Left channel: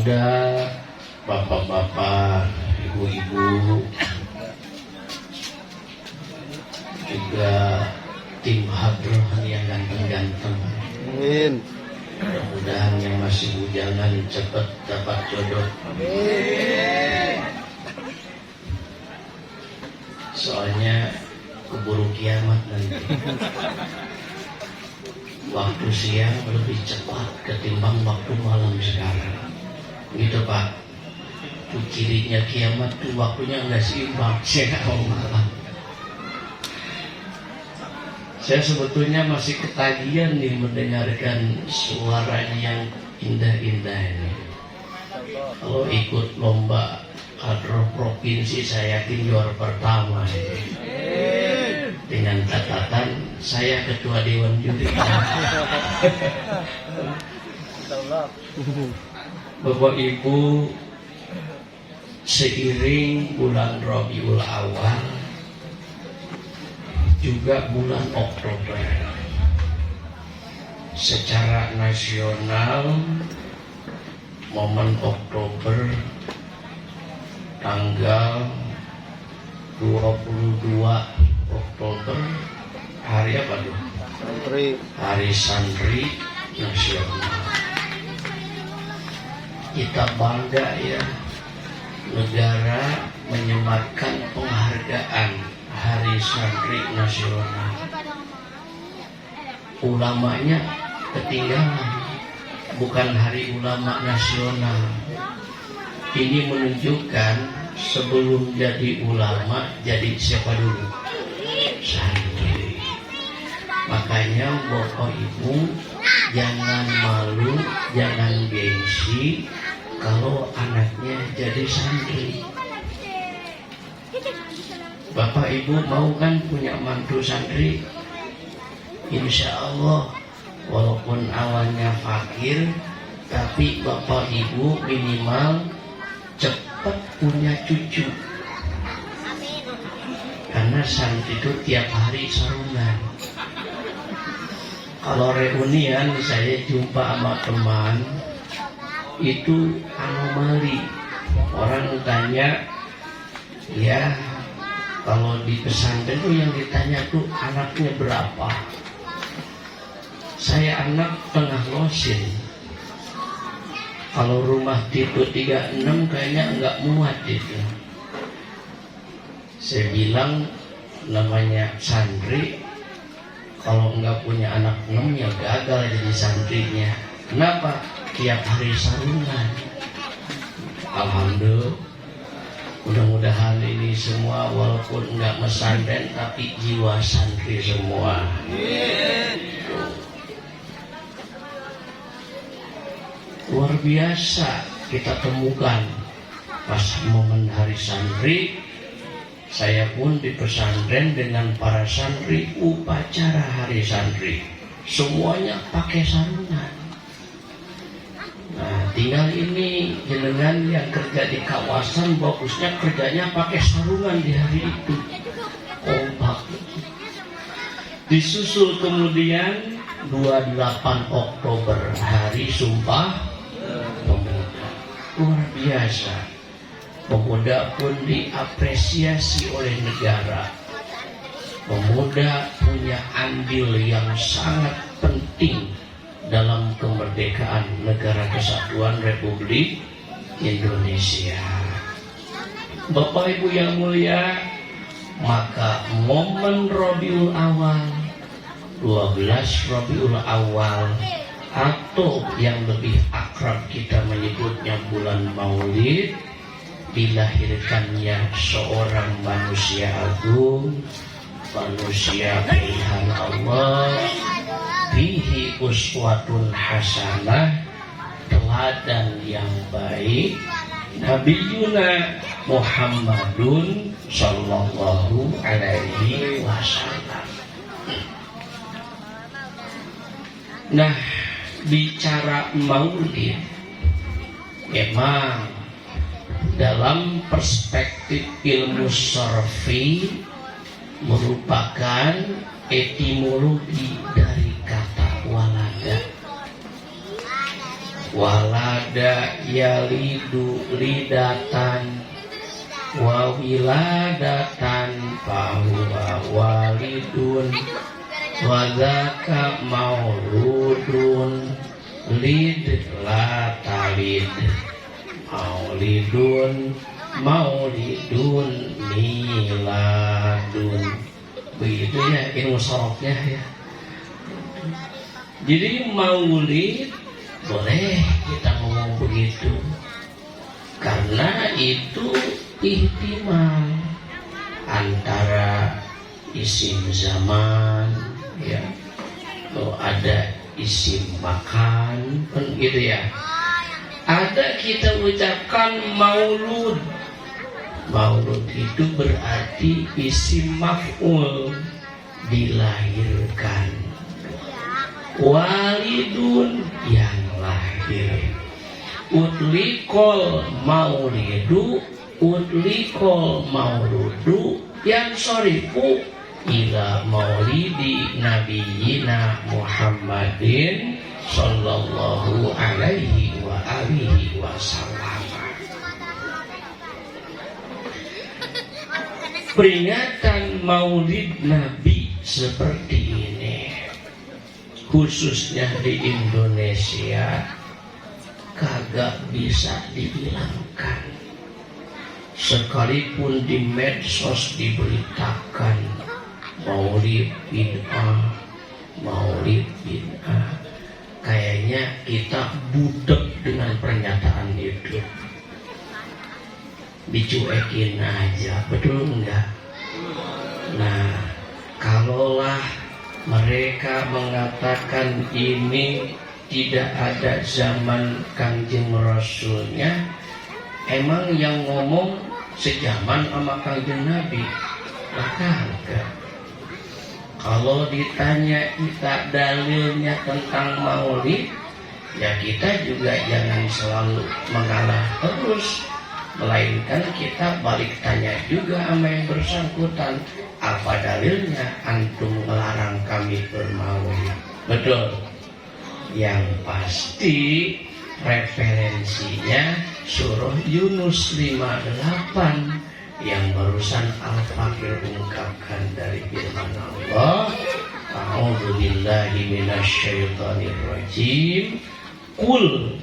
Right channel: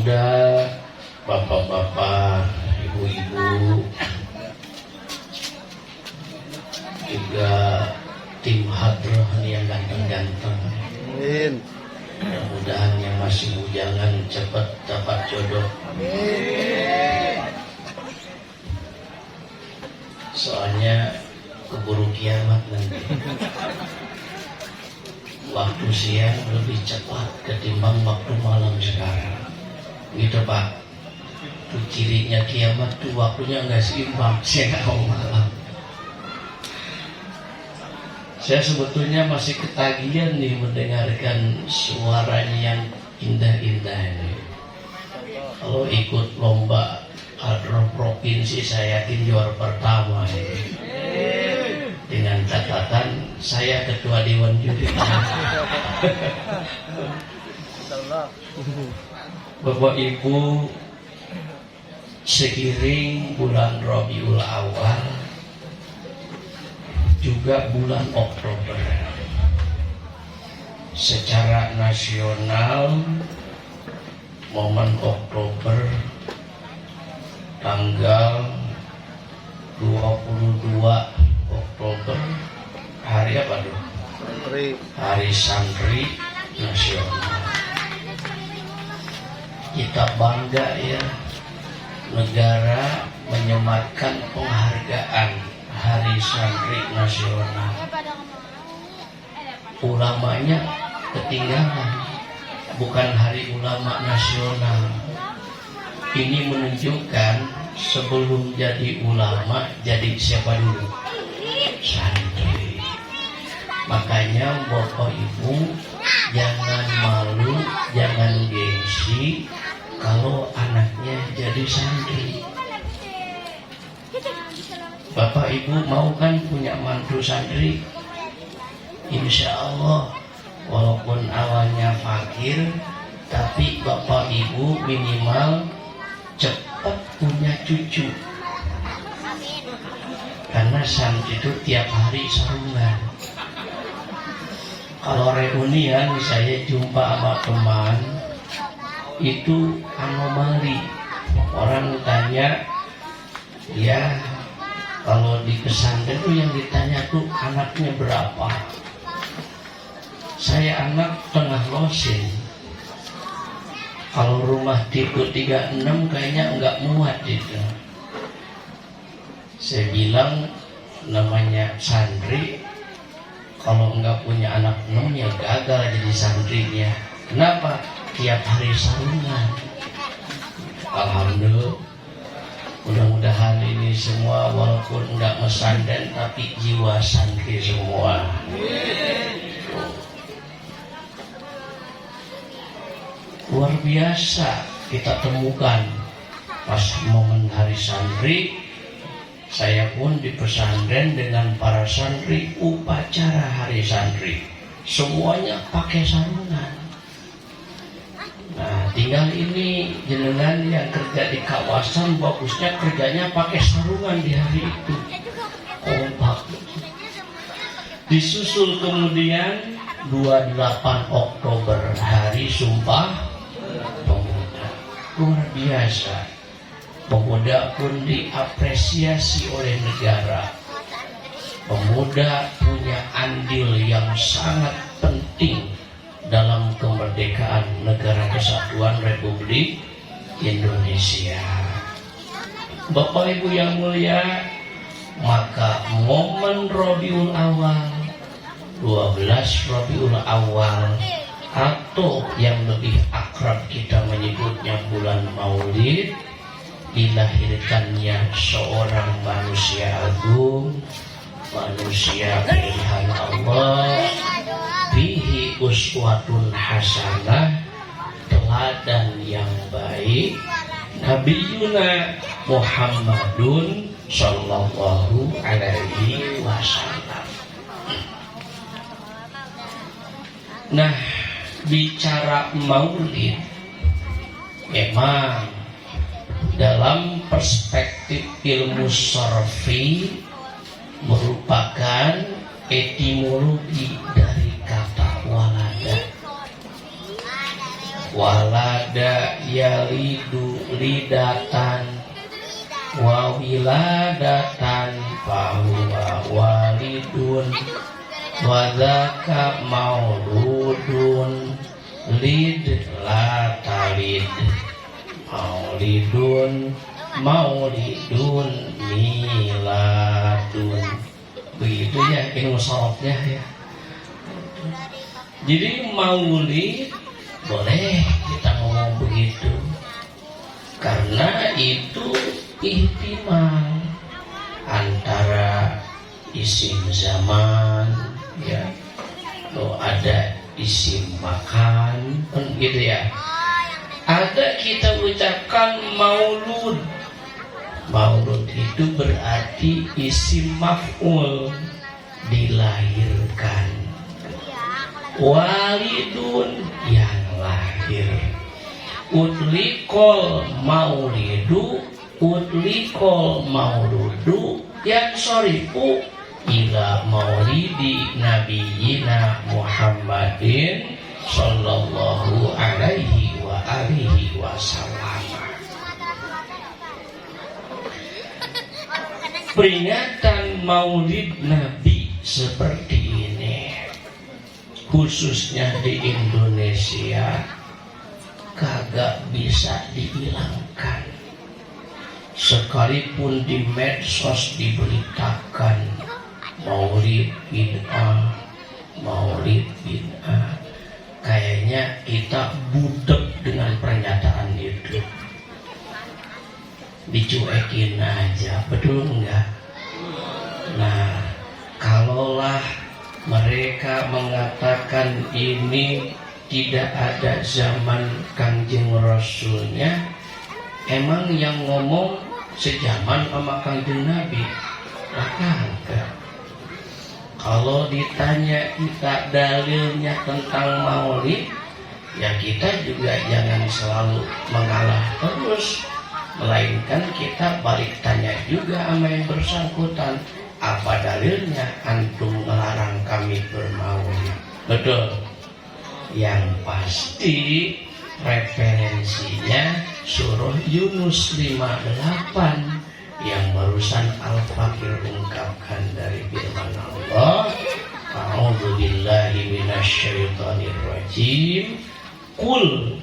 muda, bapak-bapak, ibu-ibu, juga tim hadroh yang ganteng-ganteng. Amin. Mudah-mudahan yang masih bujangan cepat dapat jodoh. Amin. Soalnya keburu kiamat nanti. Waktu siang lebih cepat ketimbang waktu malam sekarang. Gitu Pak. Itu cirinya kiamat tuh waktunya nggak seimbang. Saya nggak ngomong. Saya sebetulnya masih ketagihan nih mendengarkan suaranya yang indah-indah ini. Kalau ikut lomba hadroh provinsi saya yakin juara pertama itu. Dengan catatan saya ketua dewan juri. Bapak Ibu, seiring bulan Rabiul Awal juga bulan Oktober, secara nasional momen Oktober tanggal 22 Oktober hari apa tuh? Hari Santri Nasional. Kita bangga ya, negara menyematkan penghargaan Hari Santri Nasional. Ulamanya ketinggalan, bukan Hari Ulama Nasional. Ini menunjukkan sebelum jadi ulama jadi siapa dulu? Santri. Makanya Bapak Ibu jangan malu, jangan gengsi kalau anaknya jadi santri. Bapak Ibu mau kan punya mantu santri? Insya Allah, walaupun awalnya fakir, tapi Bapak Ibu minimal cepat punya cucu. Karena santri itu tiap hari sarungan. Kalau reunian saya jumpa sama teman, itu anomali. Orang tanya, ya kalau di pesantren tuh yang ditanya tuh anaknya berapa? Saya anak tengah losin. Kalau rumah tipe 36 kayaknya enggak muat itu. Saya bilang namanya santri, kalau enggak punya anak 6 ya gagal jadi santrinya. Kenapa? Tiap hari sarungan. Alhamdulillah. Mudah-mudahan ini semua walaupun enggak pesantren tapi jiwa santri semua. Luar biasa kita temukan pas momen hari santri. Saya pun di pesantren dengan para santri upacara hari santri. Semuanya pakai sarungan. Nah, tinggal ini jenengan yang kerja di kawasan bagusnya kerjanya pakai sarungan di hari itu. Kompak. Disusul kemudian 28 Oktober hari Sumpah Pemuda. Luar biasa. Pemuda pun diapresiasi oleh negara. Pemuda punya andil yang sangat penting dalam kemerdekaan Negara Kesatuan Republik Indonesia. Bapak Ibu yang mulia, maka momen Rabiul Awal, 12 Rabiul Awal, atau yang lebih akrab kita menyebutnya bulan Maulid, dilahirkannya seorang manusia agung, manusia pilihan Allah, bihi uswatun hasanah, teladan yang baik, Nabiyuna Muhammadun sallallahu alaihi wasallam. Nah, bicara maulid, memang dalam perspektif ilmu syar'i merupakan etimologi dari kata walada. Walad walada yalidu lidatan wa wiladatan fahuwa walidun wa dzaka mauludun lid la talid maulidun maulidun miladun. Begitu ya ilmu sorofnya ya. Jadi maulid boleh kita ngomong begitu karena itu ihtimal antara isim zaman ya, atau ada isim makan kan gitu ya. Ada kita ucapkan maulud. Maulud itu berarti isim maf'ul, dilahirkan. Walidun yang lahir. Utlikol maulidu, utlikol mauludu yang sorifu ila maulidi nabiyina Muhammadin sallallahu alaihi wa alihi wasallam. Peringatan maulid Nabi seperti ini khususnya di Indonesia kagak bisa dihilangkan. Sekalipun di medsos diberitakan maulid bid'ah, maulid bid'ah, kayaknya kita budek dengan pernyataan itu. Dicuekin aja, betul enggak? Nah, kalaulah mereka mengatakan ini tidak ada zaman Kanjeng Rasulnya, emang yang ngomong sejaman sama Kanjeng Nabi? Kagak. Kalau ditanya kita dalilnya tentang maulid, ya kita juga jangan selalu mengalah terus, melainkan kita balik tanya juga sama yang bersangkutan, apa dalilnya antum melarang kami bermaulid? Betul. Yang pasti referensinya surah Yunus 58 yang barusan Al-Fakir ungkapkan dari firman Allah, a'udzubillahi minasyaitonirrajim. Qul,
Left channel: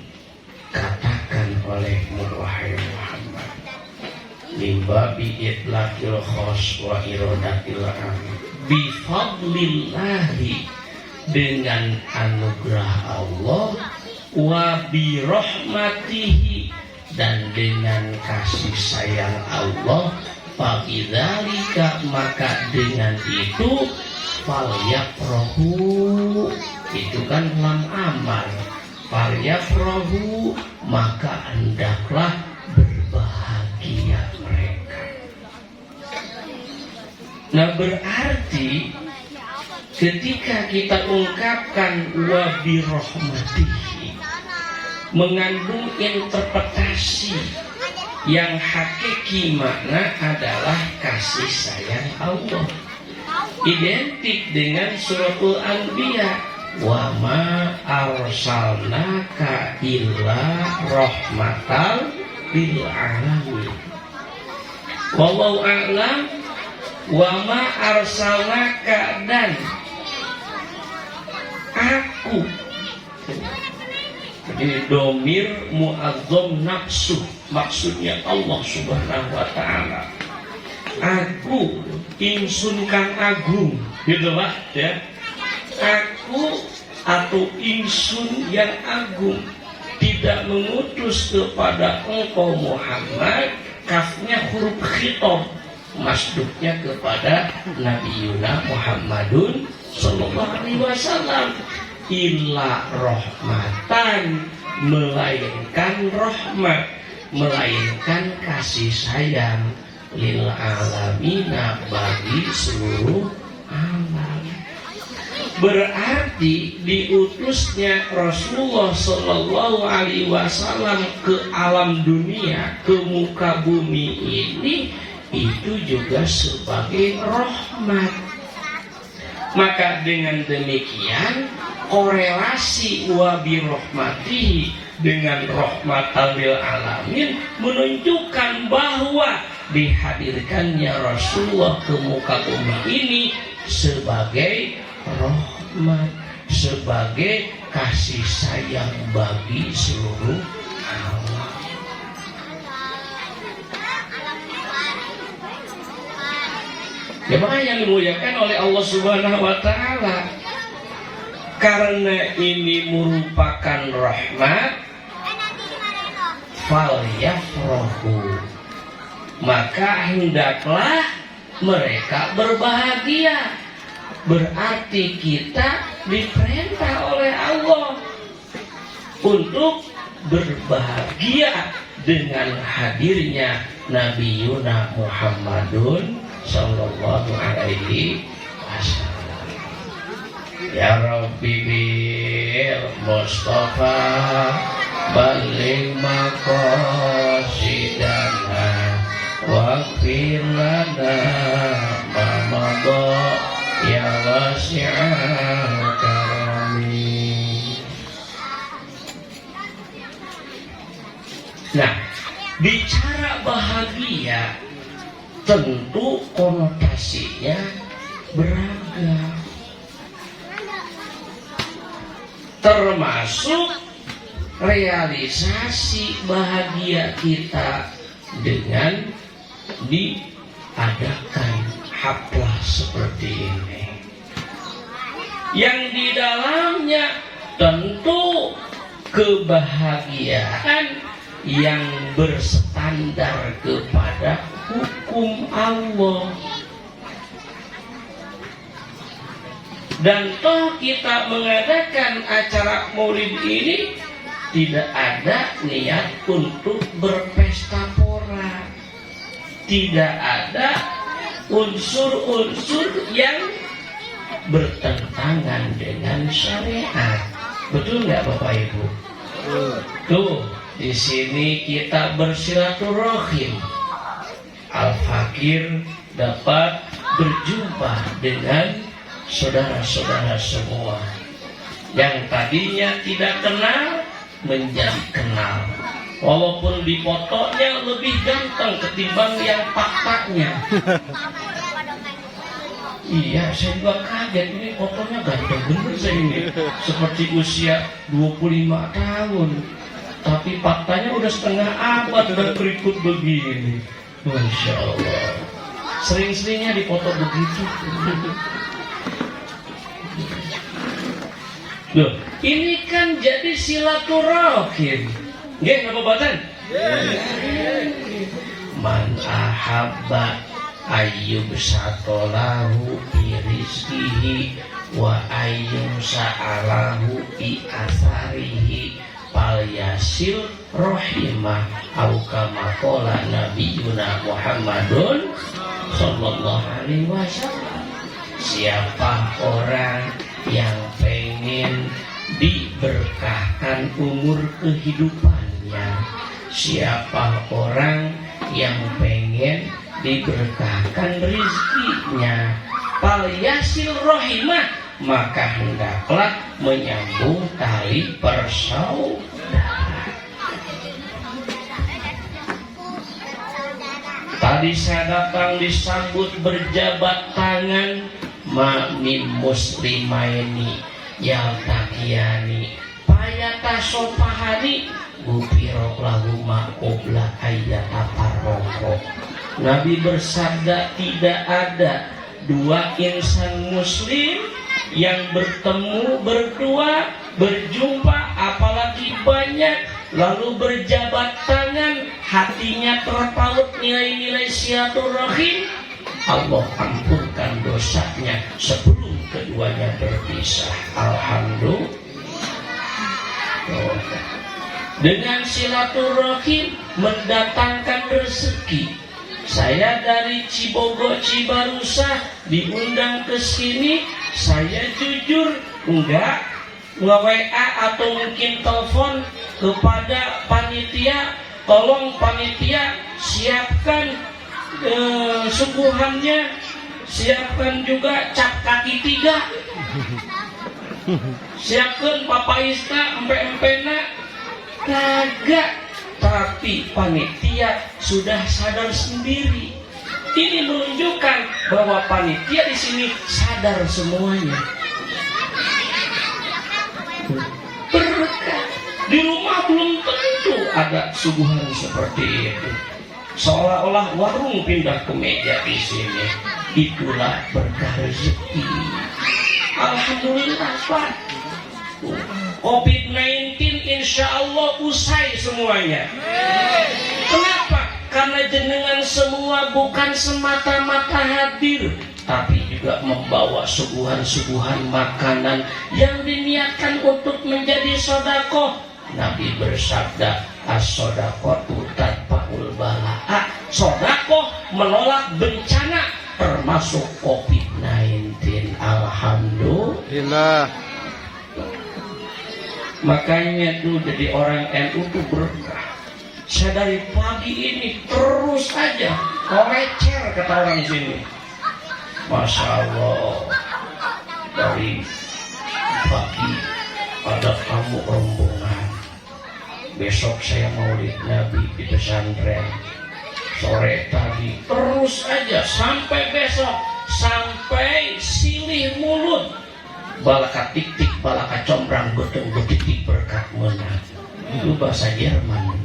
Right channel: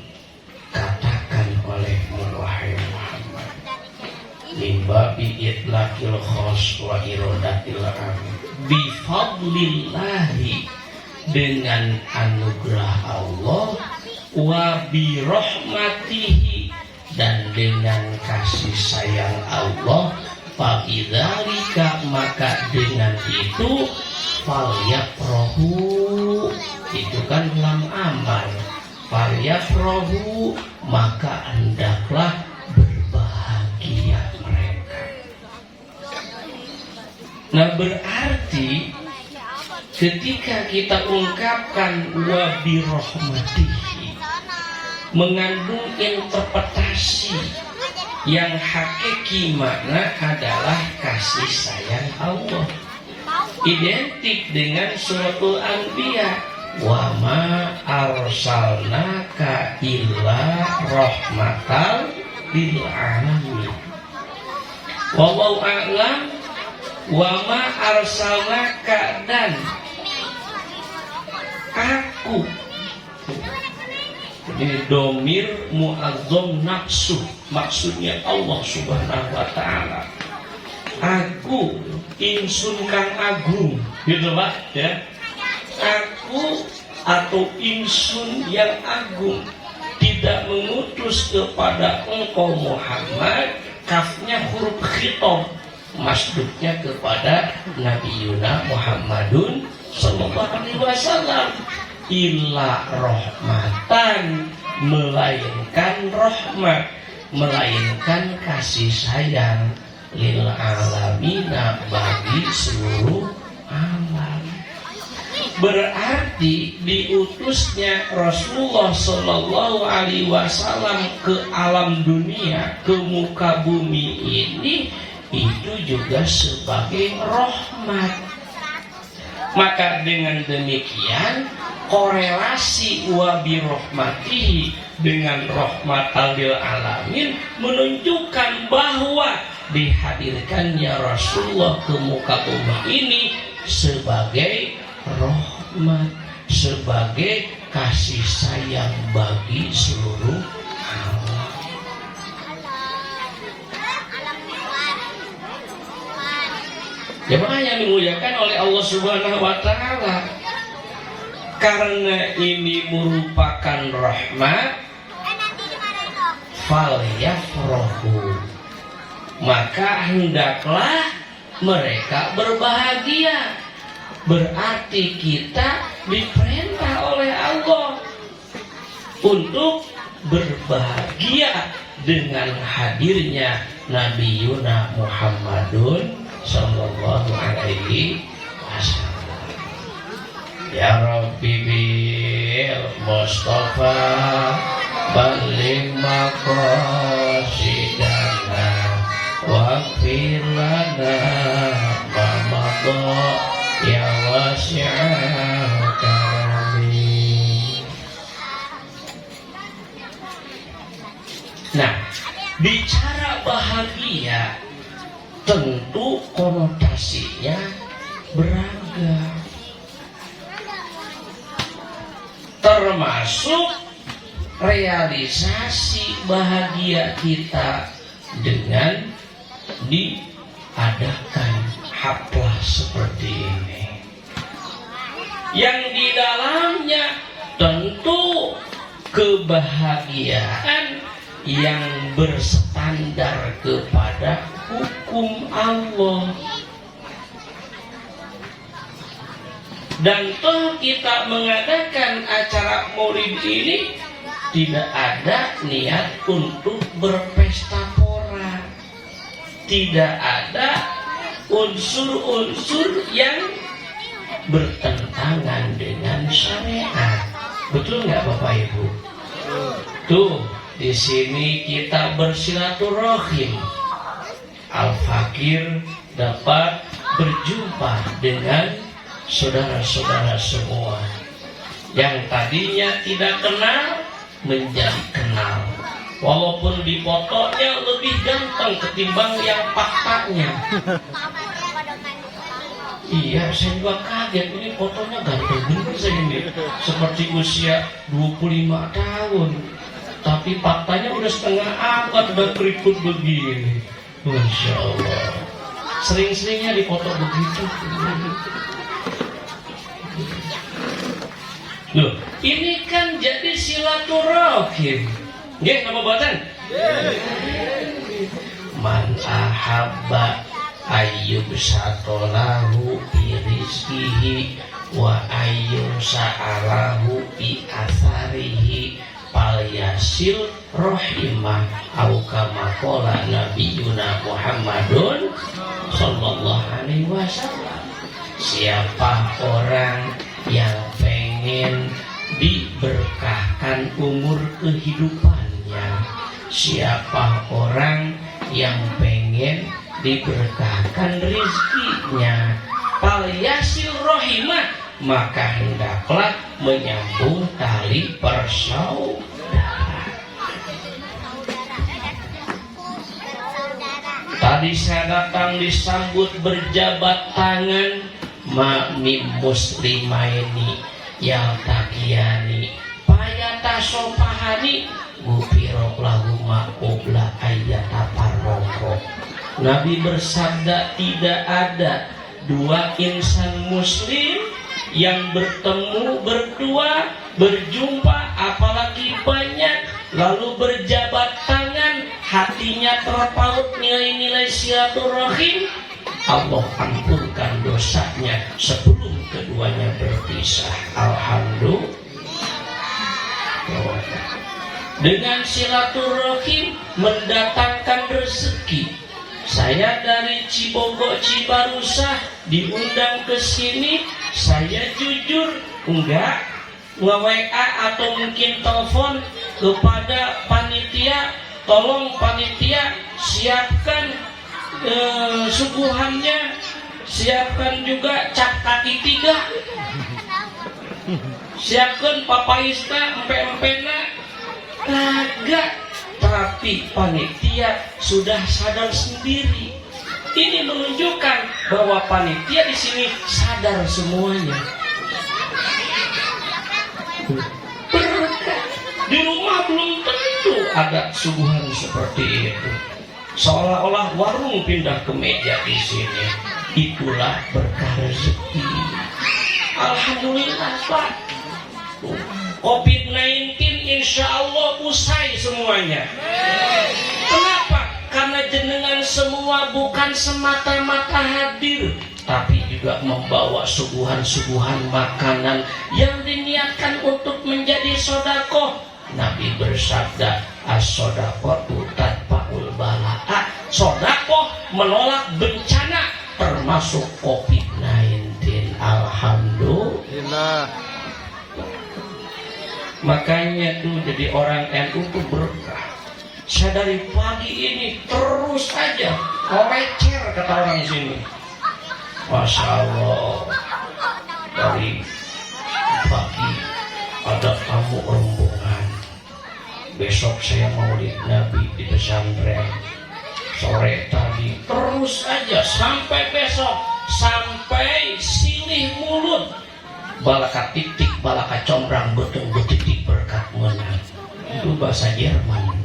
katakan olehmu wahai Muhammad, min babi itlaqil khas wa iradatil am, bifadlillahi, dengan anugerah Allah, wa birahmatihi, dan dengan kasih sayang Allah, fa'idzalika, maka dengan itu, falyafrahu, itu kan lam amal, falyafrahu, maka hendaklah berbahagia mereka. Nah, berarti ketika kita ungkapkan wa birahmatihi, mengandung interpretasi yang hakiki, makna adalah kasih sayang Allah, identik dengan suratul Anbiya, wa ma arsalnaka illa rahmatal lil alamin. Wallahu a'lam. Wa ma arsalnaka, dan aku, jadi domir mu'azzam nafsu, maksudnya Allah subhanahu wa ta'ala. Aku insun kang agung, gitu Pak ya. Aku atau insun yang agung tidak mengutus kepada engkau Muhammad, kafnya huruf khitab, masduknya kepada Nabi Yuna Muhammadun sallallahu alaihi wasallam, illa rahmatan, melainkan rahmat, melainkan kasih sayang, lil alamina, bagi seluruh alam. Berarti diutusnya Rasulullah sallallahu alaihi wasallam ke alam dunia, ke muka bumi ini, itu juga sebagai rahmat. Maka dengan demikian korelasi wa bi rahmatihi dengan rahmatan lil alamin, menunjukkan bahwa dihadirkannya Rasulullah ke muka bumi ini sebagai rahmat, sebagai kasih sayang bagi seluruh alam. Jemaah yang dimuliakan oleh Allah Subhanahu wa taala, karena ini merupakan rahmat, falyafrahu, maka hendaklah mereka berbahagia. Berarti kita diperintah oleh Allah untuk berbahagia dengan hadirnya Nabi Yuna Muhammadun sallallahu alaihi wasallam. Ya Rabbi bil Mustafa balligh maqasidana waghfir lana ma madha ya wasi'al karami. Nah, bicara bahagia tentu konotasinya beragam, termasuk realisasi bahagia kita dengan diadakan haflah seperti ini, yang di dalamnya tentu kebahagiaan yang berstandar kepada hukum Allah. Dan toh kita mengadakan acara maulid ini tidak ada niat untuk berpesta pora, tidak ada unsur-unsur yang bertentangan dengan syariat. Betul nggak Bapak Ibu? Tuh, di sini kita bersilaturahim. Al-Fakir dapat berjumpa dengan saudara-saudara semua yang tadinya tidak kenal menjadi kenal. Walaupun di fotonya lebih ganteng ketimbang yang faktanya. Iya, saya juga kaget, ini fotonya ganteng bener saya ini, seperti usia 25 tahun. Tapi faktanya udah setengah abad udah keriput begini. Masya Allah. Sering-seringnya di foto begitu. Loh, ini kan jadi silaturahim. Nggih, apa batan? Man ahabba ayyub satolahu bi rizkihi wa ayyub sa'alahu bi atharihi fal yasil rahimah au kama qala nabiyuna Muhammadun sallallahu alaihi wasallam. Siapa orang yang pengen diberkahkan umur kehidupannya, siapa orang yang pengen diberkahkan rezekinya, fal yasil rahimah, maka hendaklah menyambung tali persaudaraan. Tadi saya datang disambut berjabat tangan ma'mim muslimaini yang takiyani payata sopahani gufirok lahuma qobla ayyataparroko. Nabi bersabda, tidak ada dua insan muslim yang bertemu berdua, berjumpa, apalagi banyak, lalu berjabat tangan, hatinya terpaut nilai-nilai silaturahim, Allah ampunkan dosanya sebelum keduanya berpisah. Alhamdulillah. Dengan silaturahim mendatangkan rezeki. Saya dari Cibogo Cibarusah diundang ke sini, saya jujur enggak nge-WA atau mungkin telepon kepada panitia, tolong panitia siapkan suguhannya, siapkan juga cap kaki 3, siapkan papaista empe-empena, Kagak, tapi panitia sudah sadar sendiri. Ini menunjukkan bahwa panitia di sini sadar semuanya. Berkah. Di rumah belum tentu ada suguhan seperti itu. Seolah-olah warung pindah ke meja di sini. Itulah berkah rezeki. Alhamdulillah Pak. COVID-19 insya Allah usai semuanya. Kenapa? Karena jenengan semua bukan semata-mata hadir, tapi juga membawa suguhan-suguhan makanan yang diniatkan untuk menjadi sodako. Nabi bersabda, as-sodaqatu tadfa'ul balaa. Sodako menolak bencana, termasuk COVID-19. Alhamdulillah. Makanya tuh jadi orang NU tuh berkah. Saya dari pagi ini terus aja ngecer kata orang sini. Masya Allah. Dari pagi ada tamu rombongan. Besok saya maulid Nabi di pesantren. Sore tadi terus aja sampai besok, sampai silih mulut. Balaka tik-tik, balaka combrang, botong betitik berkat menang. Itu bahasa Jerman.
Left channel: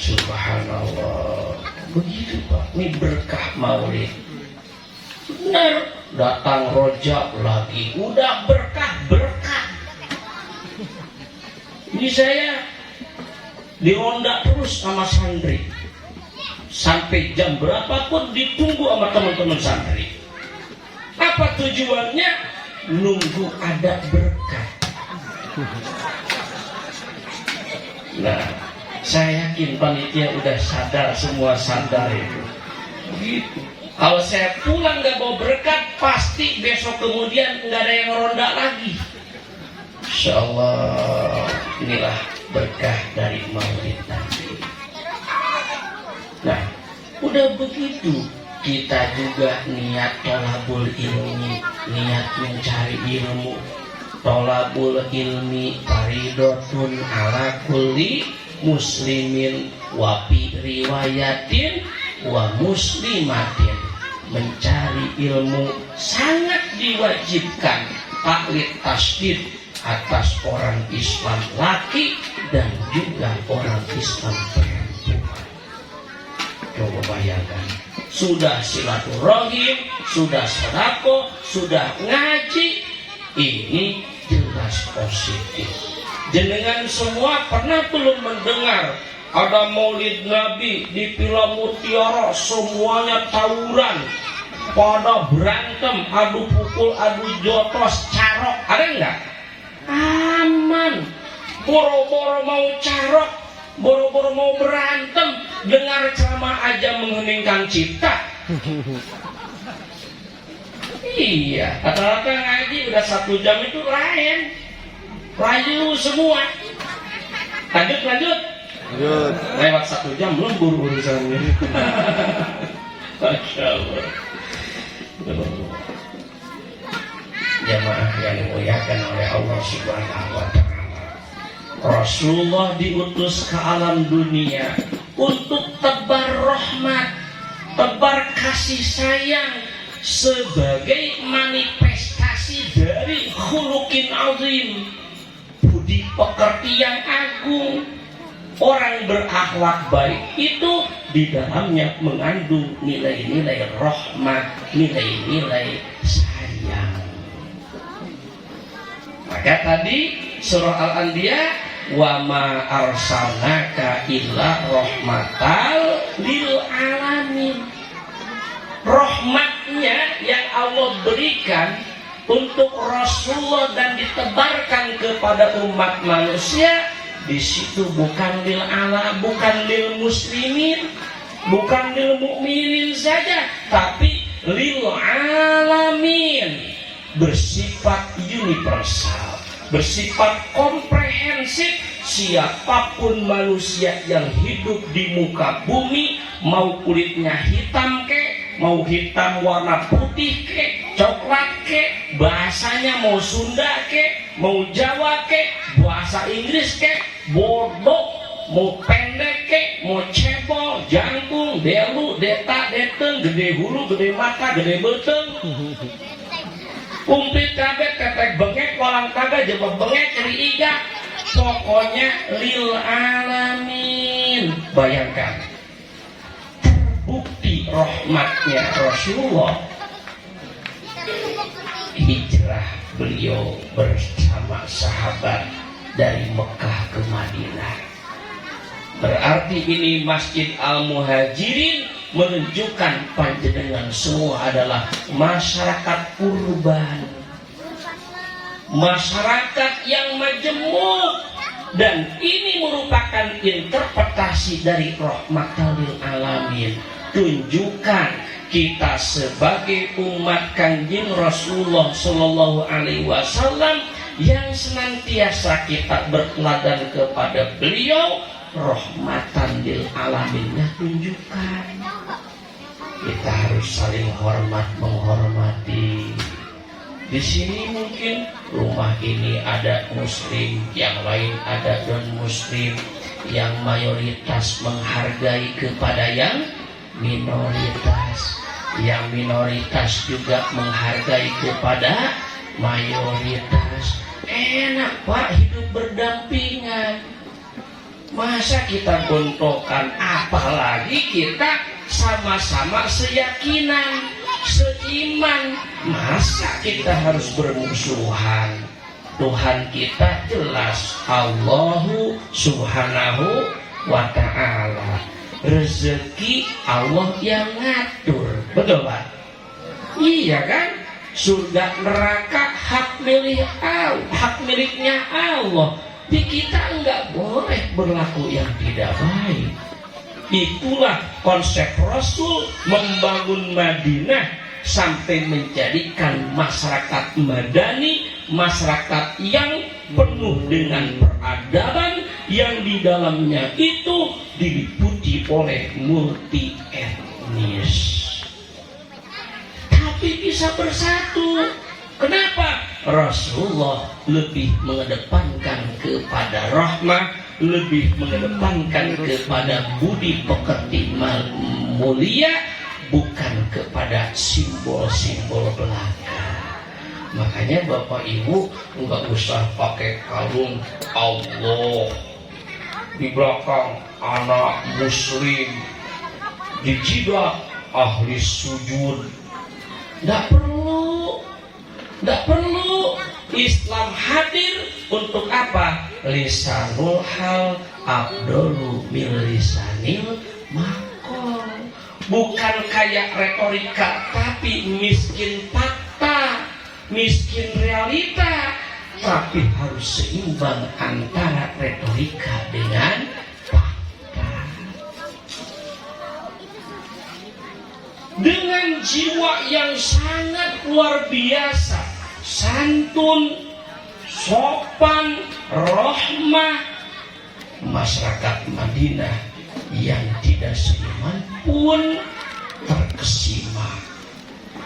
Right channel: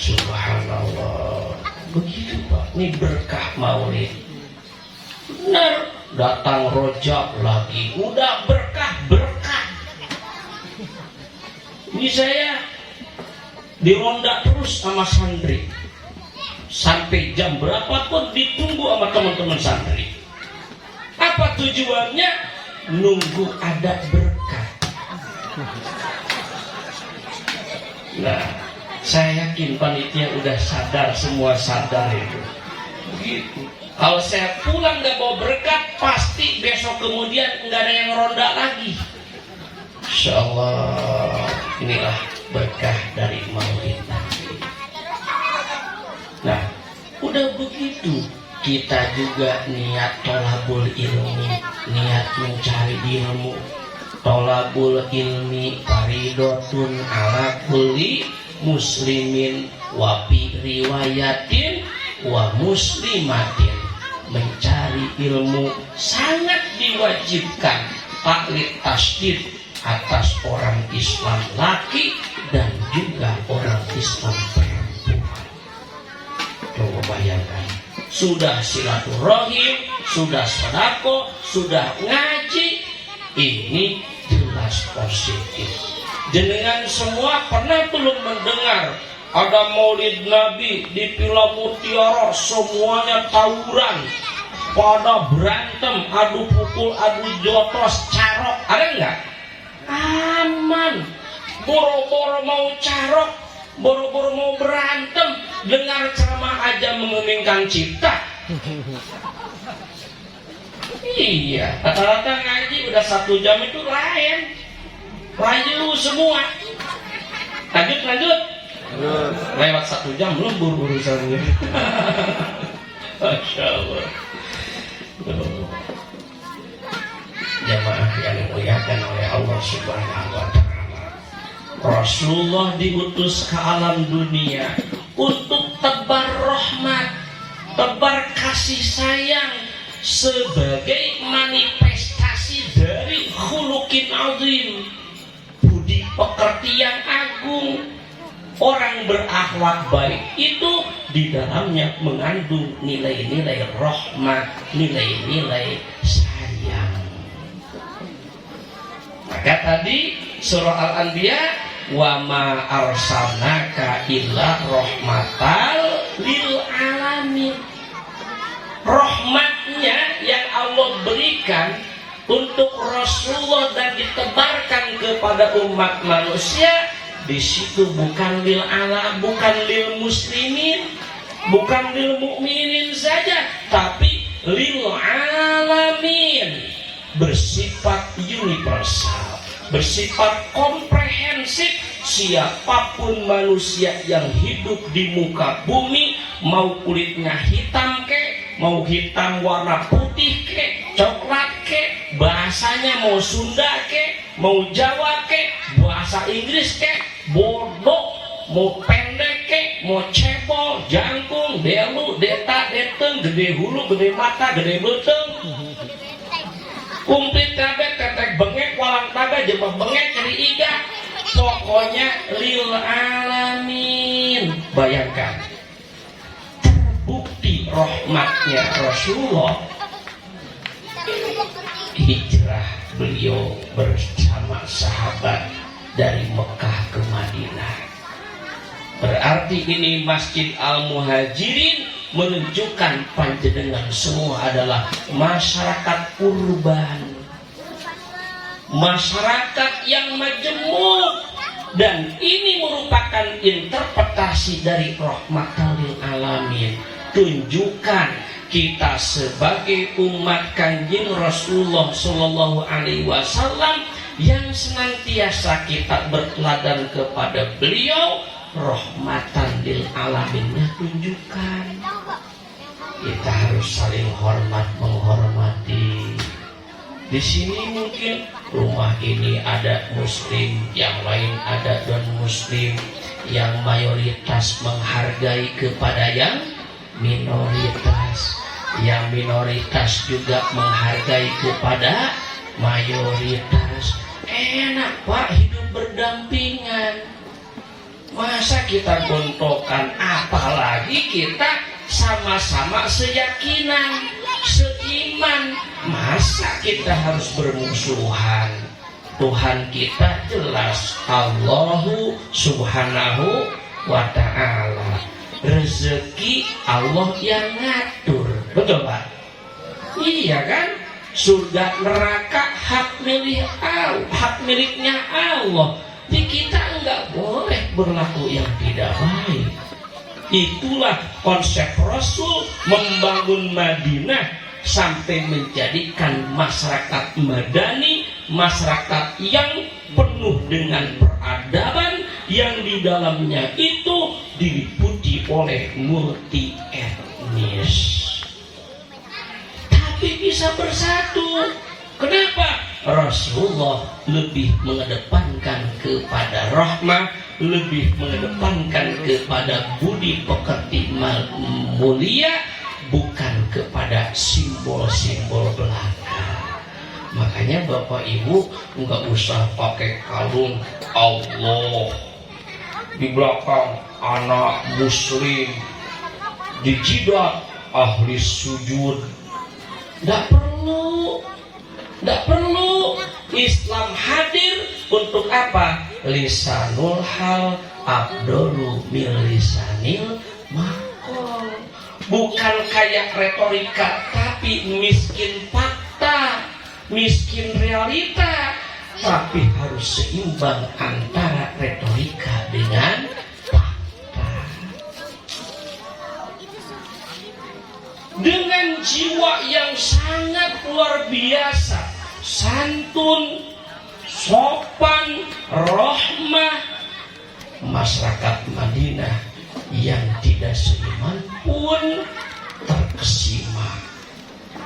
Subhanallah. Begitu Pak, ini berkah maulid. Benar, datang rojak lagi, udah berkah. Ini saya dironda terus sama santri. Sampai jam berapapun ditunggu sama teman-teman santri. Apa tujuannya? Nunggu ada berkah. Nah, saya yakin panitia udah sadar, semua sadar itu. Begitu. Kalau saya pulang gak bawa berkat, pasti besok kemudian gak ada yang ronda lagi. Insya Allah, inilah berkah dari maulid nanti. Nah, udah begitu. Kita juga niat tolabul ilmi, niat mencari ilmu. Tolabul ilmi faridotun ala kulli muslimin wa fi riwayatin wa muslimatin. Mencari ilmu sangat diwajibkan, taklid tasdid atas orang Islam laki dan juga orang Islam perempuan. Coba bayangkan. Sudah silaturahim, sudah sedekah, sudah ngaji, ini jelas positif. Jenengan semua pernah belum mendengar ada maulid Nabi di Villa Mutiara, semuanya tawuran, pada berantem, adu pukul, adu jotos, carok, ada enggak? Aman. Boro-boro mau carok, boro-boro mau berantem, dengar ceramah aja menguningkan cipta. Iya, rata-rata ngaji udah 1 jam itu lain. Rayu semua. Lanjut. Lewat 1 jam belum buru-buru saya. Masya Allah. Jemaah yang dimuliakan oleh Allah Subhanahu wa Ta'ala. Rasulullah diutus ke alam dunia untuk tebar rahmat, tebar kasih sayang sebagai manifestasi dari khuluqin azim, budi pekerti yang agung. Orang berakhlak baik itu di dalamnya mengandung nilai-nilai rahmat, nilai-nilai sayang. Maka tadi surah Al-Anbiya, wa ma arsalnaka illa rahmatal lil alamin. Rahmatnya yang Allah berikan untuk Rasulullah dan ditebarkan kepada umat manusia, di situ bukan lil ala, bukan lil muslimin, bukan lil mukminin saja, tapi lil alamin, bersifat universal, bersifat komprehensif. Siapapun manusia yang hidup di muka bumi, mau kulitnya hitam ke, mau hitam warna putih ke, coklat ke, bahasanya mau Sunda ke, mau Jawa ke, bahasa Inggris ke, bodoh, mau pendek kek, mau cebol, jangkung, delu, deta, deteng, gede hulu, gede mata, gede beteng. Kumplit kaget, tetek bengek, walang taga, jebak bengek, jadi iga. Pokoknya lil alamin. Bayangkan, terbukti rahmatnya Rasulullah. Hijrah beliau bersama sahabat dari Mekah ke Madinah. Berarti ini Masjid Al-Muhajirin menunjukkan panjenengan semua adalah masyarakat urban, masyarakat yang majemuk, dan ini merupakan interpretasi dari rahmatan lil alamin. Tunjukkan kita sebagai umat Kanjeng Rasulullah Shallallahu Alaihi Wasallam yang senantiasa kita berteladan kepada beliau, rahmatan lil alaminnya tunjukkan. Kita harus saling hormat menghormati. Di sini mungkin rumah ini ada muslim, yang lain ada non muslim, yang mayoritas menghargai kepada yang minoritas, yang minoritas juga menghargai kepada mayoritas. Enak Pak hidup berdampingan. Masa kita gontokan, apalagi kita sama-sama seyakinan, seiman. Masa kita harus bermusuhan? Tuhan kita jelas, Allahu subhanahu wa ta'ala. Rezeki Allah yang ngatur. Betul Pak? Iya kan? Surga neraka hak milik Allah, hak miliknya Allah. Di kita enggak boleh berlaku yang tidak baik. Itulah konsep Rasul membangun Madinah sampai menjadikan masyarakat madani, masyarakat yang penuh dengan peradaban, yang di dalamnya itu diliputi oleh multi etnis. Tapi bisa bersatu. Kenapa? Rasulullah lebih mengedepankan kepada rahmah, lebih mengedepankan kepada budi pekerti mulia, bukan kepada simbol-simbol belaka. Makanya Bapak Ibu nggak usah pakai kalung Allah di belakang anak muslim, di jidat ahli sujud. Nggak perlu. Islam hadir untuk apa? Lisanul hal abdulu min lisanil maqal. Bukan kayak retorika, tapi miskin fakta, miskin realita. Tapi harus seimbang antara retorika dengan fakta. Dengan jiwa yang sangat luar biasa, santun, sopan, rahmah, masyarakat Madinah yang tidak seiman pun terkesima,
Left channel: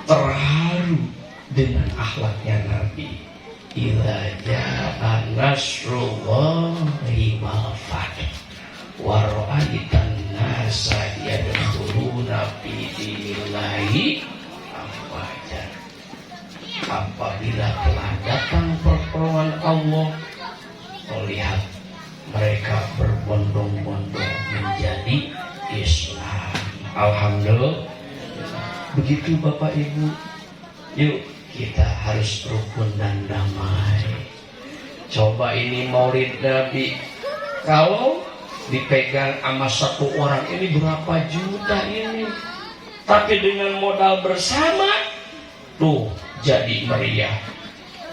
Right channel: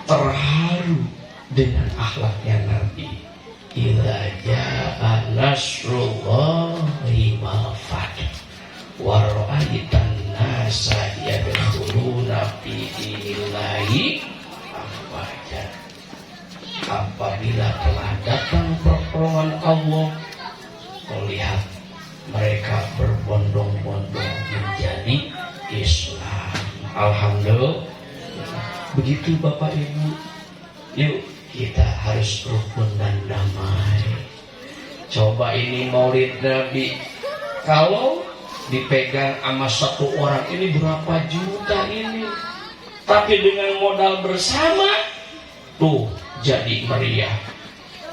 terharu dengan akhlaknya Nabi. Idza jaa nasrullahi wal fath wa ra'aitan nasa yadkhuluna fi dinillahi afwaja. Apabila telah datang pertolongan Allah, melihat mereka berbondong-bondong menjadi Islam. Alhamdulillah. Begitu Bapak Ibu. Yuk kita harus rukun dan damai. Coba ini maulid Nabi, kalau dipegang sama satu orang ini berapa juta ini, tapi dengan modal bersama tuh jadi meriah.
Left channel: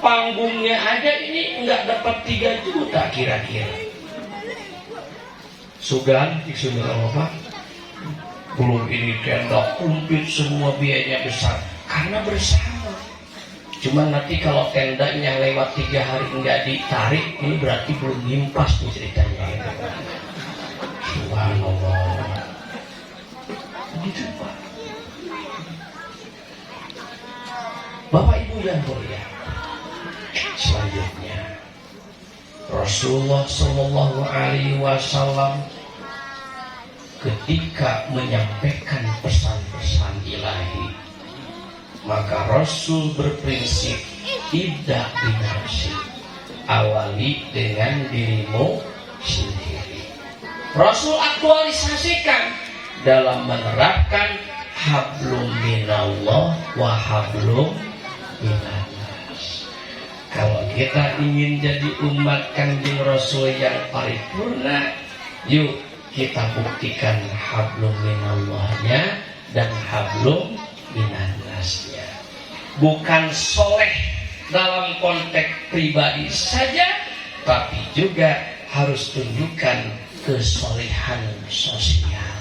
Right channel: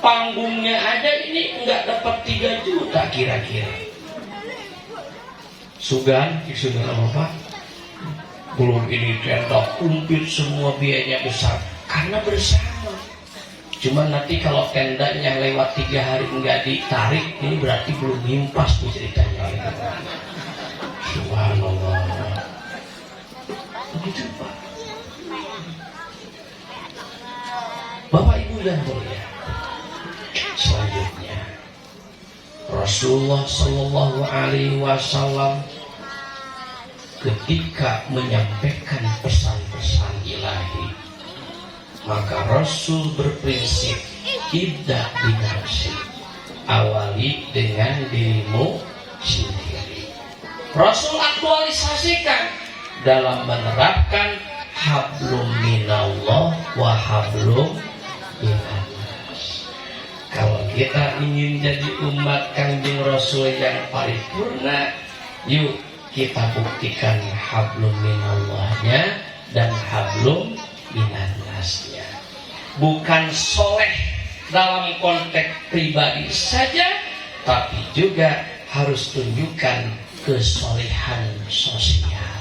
Panggungnya aja ini nggak dapat 3 juta kira-kira. Sudah apa? Belum ini tenda kumplit semua biayanya besar karena bersama. Cuma nanti kalau tendanya lewat 3 hari nggak ditarik, ini berarti belum nyimpas tuh ceritanya. Subhanallah. Begitu Pak. Bapak Ibu dan Saudara, selanjutnya Rasul Rasulullah Shallallahu Alaihi Wasallam ketika menyampaikan pesan-pesan ilahi, maka Rasul berprinsip ibda binafsi, awali dengan dirimu sendiri. Rasul aktualisasikan dalam menerapkan hablum minallah wa hablum minannas. Kalau kita ingin jadi umat Kanjeng Rasul yang paripurna, yuk kita buktikan hablum minallahnya dan hablum minannasnya. Bukan soleh dalam konteks pribadi saja, tapi juga harus tunjukkan kesolehan sosial.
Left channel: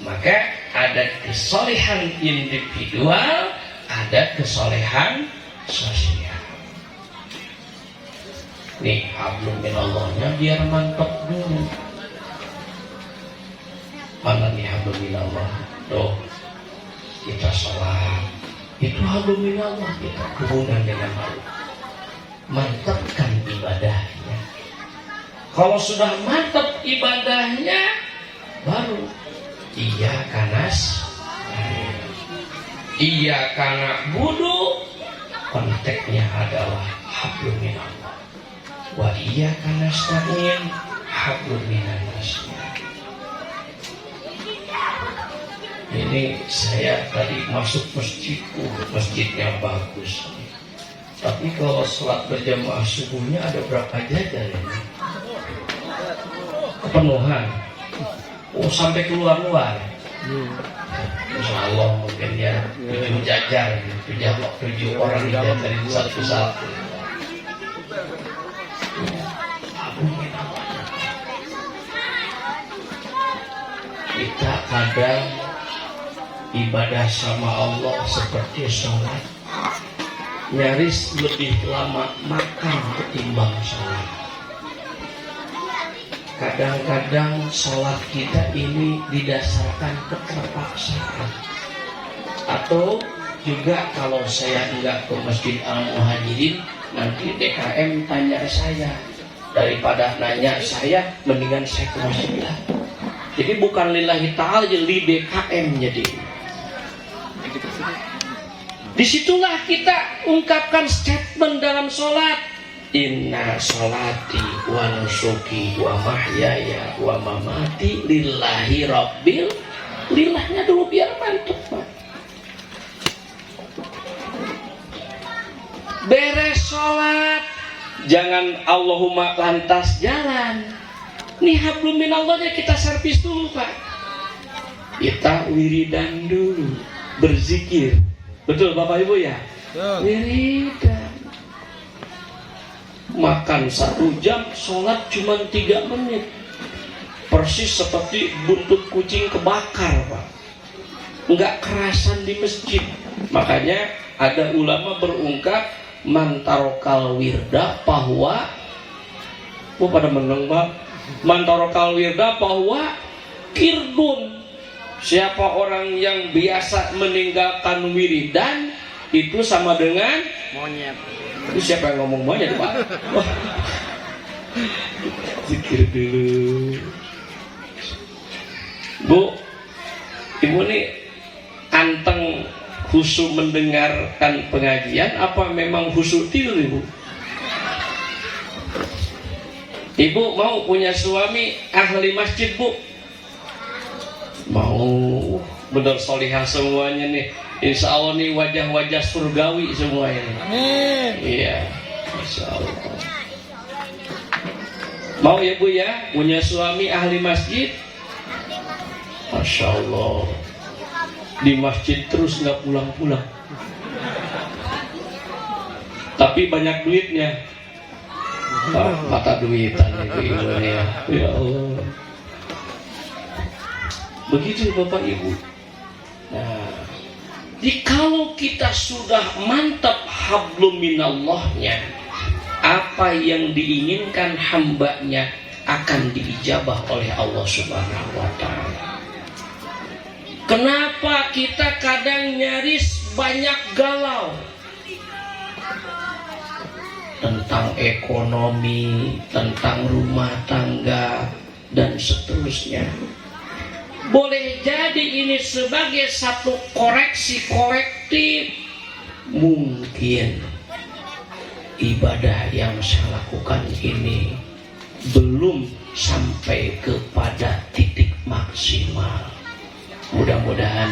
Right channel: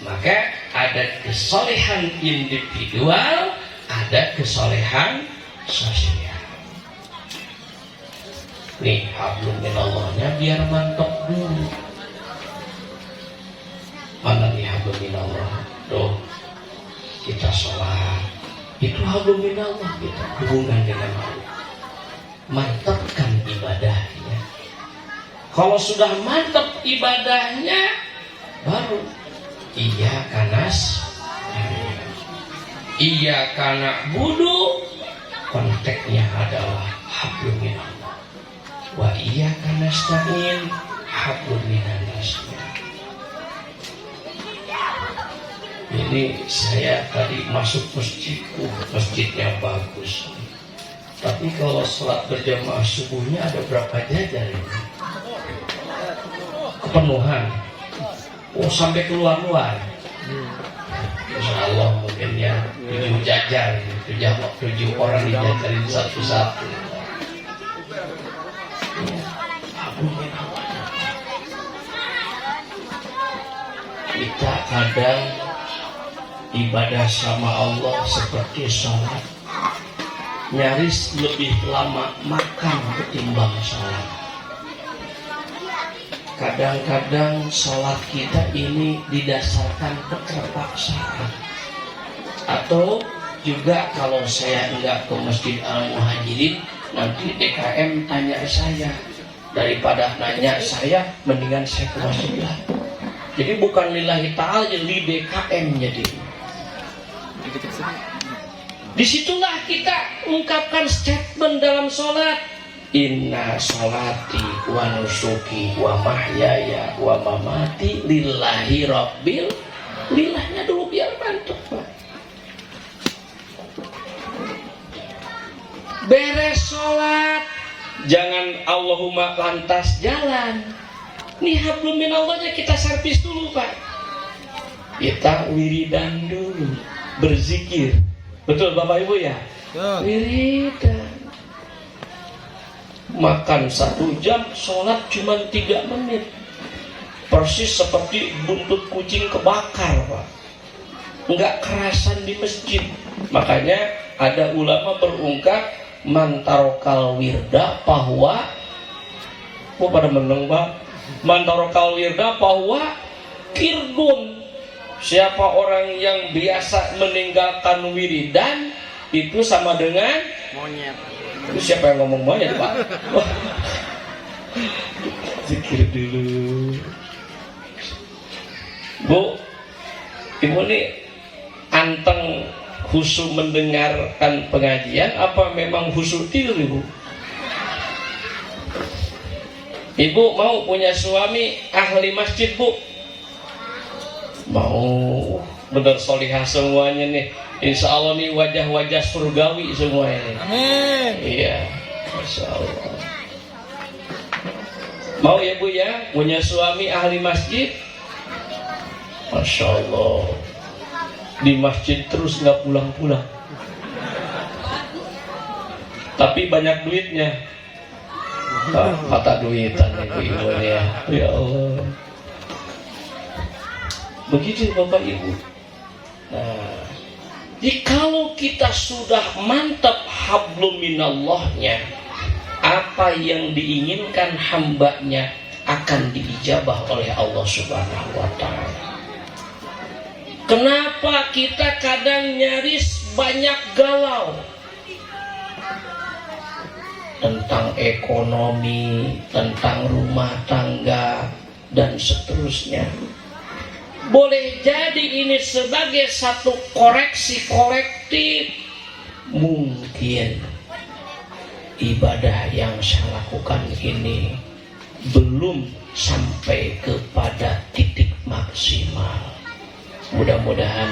Maka ada kesolehan individual, ada kesolehan sosial. Nih hablum minallahnya biar mantap dulu. Mana nih hablum minallah? Tuh kita sholat, itu hablum minallah, kita hubungan dengan Allah. Mantapkan ibadahnya. Kalau sudah mantap ibadahnya, baru iya kanas, iya kana budu. Konteksnya adalah hablum minallah. Wa iya kanas ta'in hablum minannas. Ini saya tadi masuk masjid yang bagus. Tapi kalau sholat berjamaah subuhnya ada berapa jajar ini? Kepenuhan. Oh sampai keluar-luar. Insya Allah mungkin ya 7 jajar, 7 orang dijajarin satu-satu. Kita kadang ibadah sama Allah seperti sholat, nyaris lebih lama makan ketimbang sholat. Kadang-kadang sholat kita ini didasarkan keterpaksaan. Atau juga kalau saya enggak ke Masjid Al-Muhajirin, nanti DKM tanya saya. Daripada nanya saya, mendingan saya ke masjid lah. Jadi bukan lillahi ta'ala, li DKM jadi. Disitulah kita ungkapkan statement dalam sholat. Inna sholati wa nusuki wa mahyaya wa mamati lillahi rabbil. Lillahnya dulu biar mantap, Pak. Beres sholat, jangan Allahumma lantas jalan. Nih hablum minallahnya kita servis dulu, Pak. Kita wiridan dulu, berzikir. Betul Bapak Ibu ya? Wiridan. Makan 1 jam, sholat cuma 3 menit. Persis seperti buntut kucing kebakar, Pak. Enggak kerasan di masjid. Makanya ada ulama berungkap man tarokal wirda bahwa pada meneng, Pak. Man tarokal wirda bahwa kirdun. Siapa orang yang biasa meninggalkan wiridan itu sama dengan monyet. Itu siapa yang ngomong monyet, Pak? Zikir dulu. Bu, Ibu nih anteng khusyuk mendengarkan pengajian apa memang khusyuk tidur, Ibu? Ibu mau punya suami ahli masjid, Bu? Mau. Bener solihah semuanya nih. Insya Allah nih wajah-wajah surgawi semua ini. Amin. Iya, Insya Allah. Mau ya Bu ya, punya suami ahli masjid? Masya Allah. Di masjid terus nggak pulang-pulang. Tapi banyak duitnya. Mata duitan ibu ya. Ya Allah. Begitu Bapak Ibu. Nah, jikalau kita sudah mantap hablum minallahnya, apa yang diinginkan hambanya akan diijabah oleh Allah Subhanahu wa Ta'ala. Kenapa kita kadang nyaris banyak galau? tentang ekonomi, tentang rumah tangga, dan seterusnya. Boleh jadi ini sebagai satu koreksi kolektif. Mungkin ibadah yang saya lakukan ini belum sampai kepada titik maksimal. Mudah-mudahan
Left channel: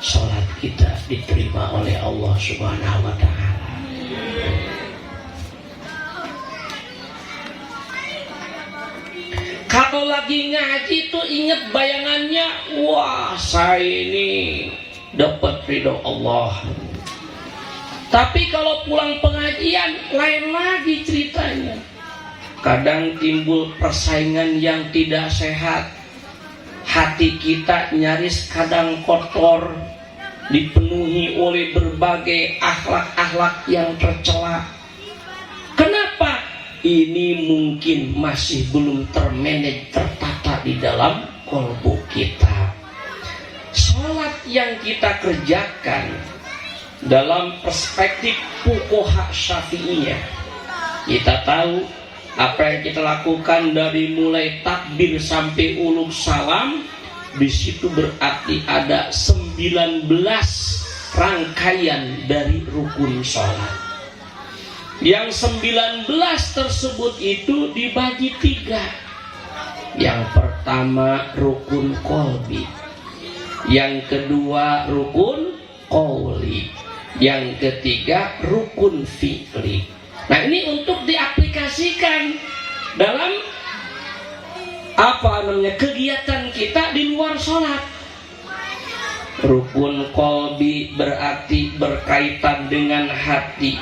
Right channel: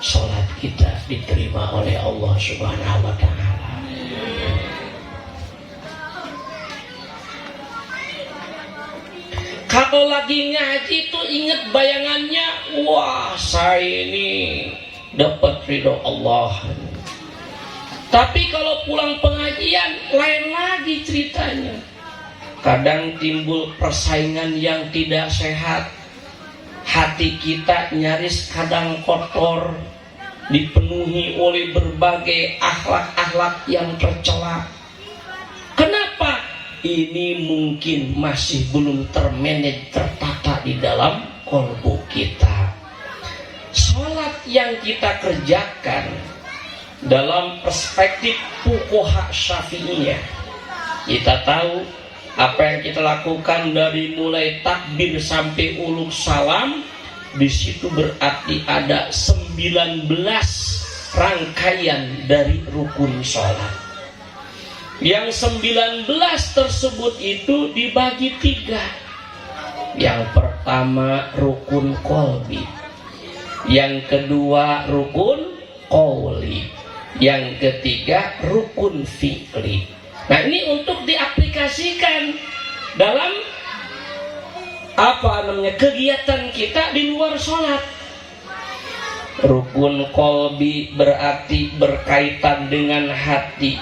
sholat kita diterima oleh Allah Subhanahu wa Ta'ala. Kalau lagi ngaji tuh ingat bayangannya, wah saya ini dapat ridho Allah. Tapi kalau pulang pengajian lain lagi ceritanya. Kadang timbul persaingan yang tidak sehat. Hati kita nyaris kadang kotor, dipenuhi oleh berbagai akhlak-akhlak yang tercela. Kenapa? Ini mungkin masih belum termanage, tertata di dalam kolbu kita. Sholat yang kita kerjakan dalam perspektif fuqaha Syafi'iyah, kita tahu apa yang kita lakukan dari mulai takbir sampai uluk salam, di situ berarti ada 19 rangkaian dari rukun sholat. Yang 19 tersebut itu dibagi 3. Yang pertama rukun qalbi, yang kedua rukun qauli, yang ketiga rukun fi'li. Nah ini untuk diaplikasikan dalam kegiatan kita di luar sholat. Rukun qalbi berarti berkaitan dengan hati.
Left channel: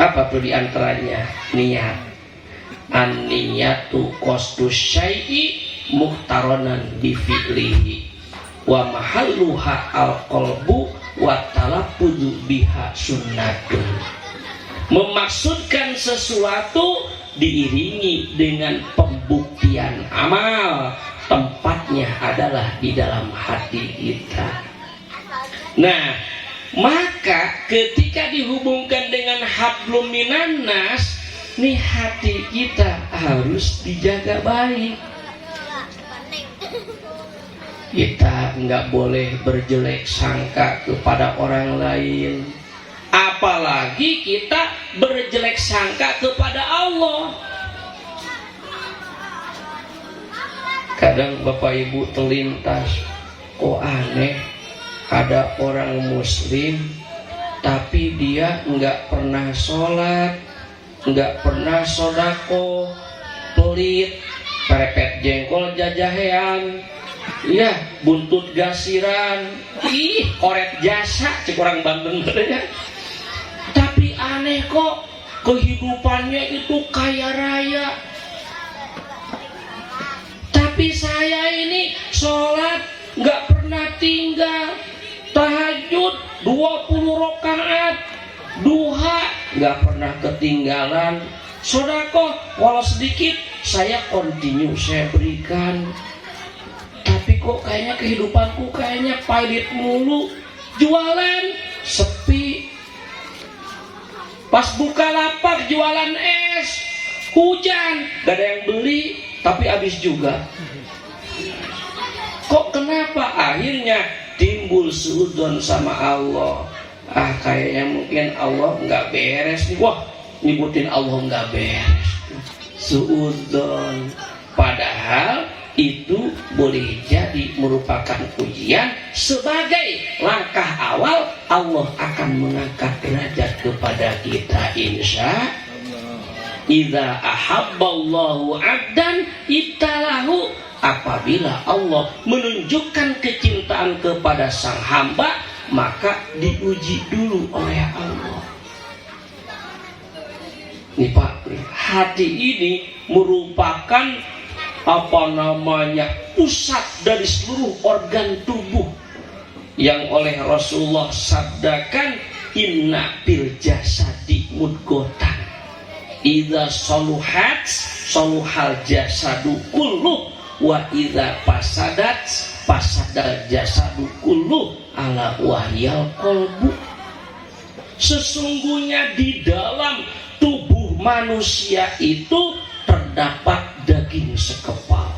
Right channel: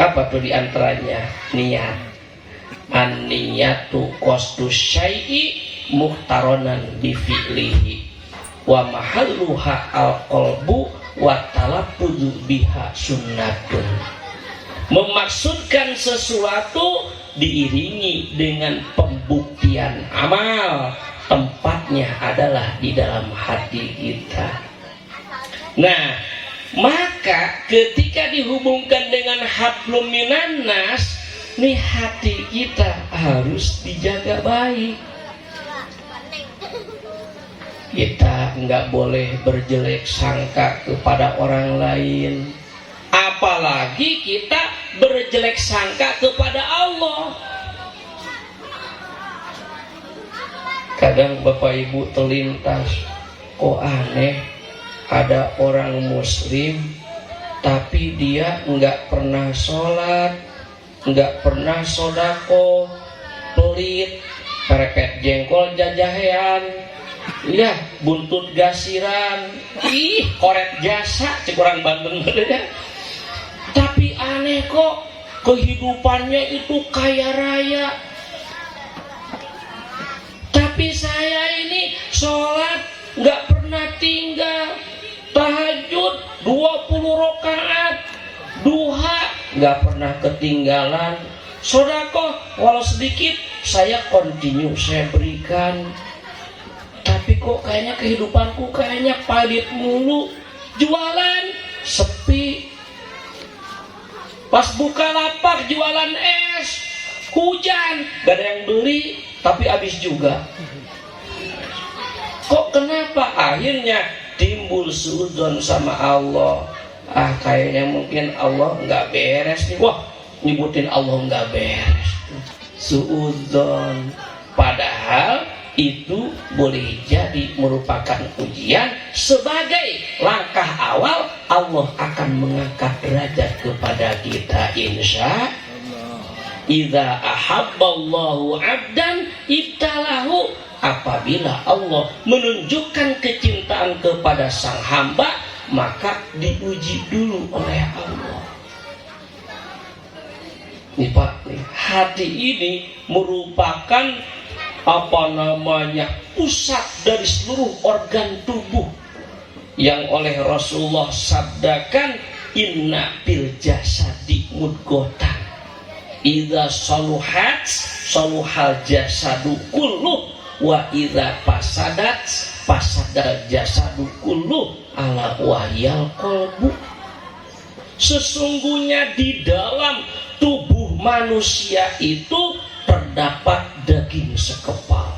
Apa tuh diantaranya? Niat. An-niyatu qasdus syai'i muqtaronan bi fi'lihi wa mahalluha al-qalbu wa talaffuzu biha sunnatun. Memaksudkan sesuatu diiringi dengan pembuktian amal, tempatnya adalah di dalam hati kita. Nah, maka ketika dihubungkan dengan hablum minan nas, nih hati kita harus dijaga baik. Kita nggak boleh berjelek sangka kepada orang lain, apalagi kita berjelek sangka kepada Allah. Kadang Bapak Ibu terlintas, kok aneh, ada orang muslim tapi dia nggak pernah sholat, nggak pernah sodako, pelit, perepet jengkol jajahean, ya buntut gasiran, koret jasa cikurang Banten ya. Tapi aneh kok kehidupannya itu kaya raya. Tapi saya ini sholat nggak pernah tinggal, tahajud 20 rakaat, duha nggak pernah ketinggalan, sedekah walau sedikit saya continue, saya berikan. Tapi kok kayaknya kehidupanku kayaknya palit mulu, jualan sepi, pas buka lapak jualan es, hujan gak ada yang beli, tapi habis juga. Kok kenapa? Akhirnya timbul suudzon sama Allah. Kayaknya mungkin Allah nggak beres nih. Wah, nyebutin Allah nggak beres. Suudzon. Padahal itu boleh jadi merupakan ujian sebagai langkah awal Allah akan mengangkat derajat kepada kita, insya Allah. Idza ahabballahu 'abdan ibtalahu. Apabila Allah menunjukkan kecintaan kepada sang hamba, maka diuji dulu oleh Allah. Nih Pak, hati ini merupakan pusat dari seluruh organ tubuh yang oleh Rasulullah sabdakan, inna bil jasadi mudghatan idza saluhat saluhal jasadu kulluh wa idza fasadat fasadal jasadu kulluh ala wahyal qalbu. Sesungguhnya di dalam tubuh manusia itu terdapat daging sekepal.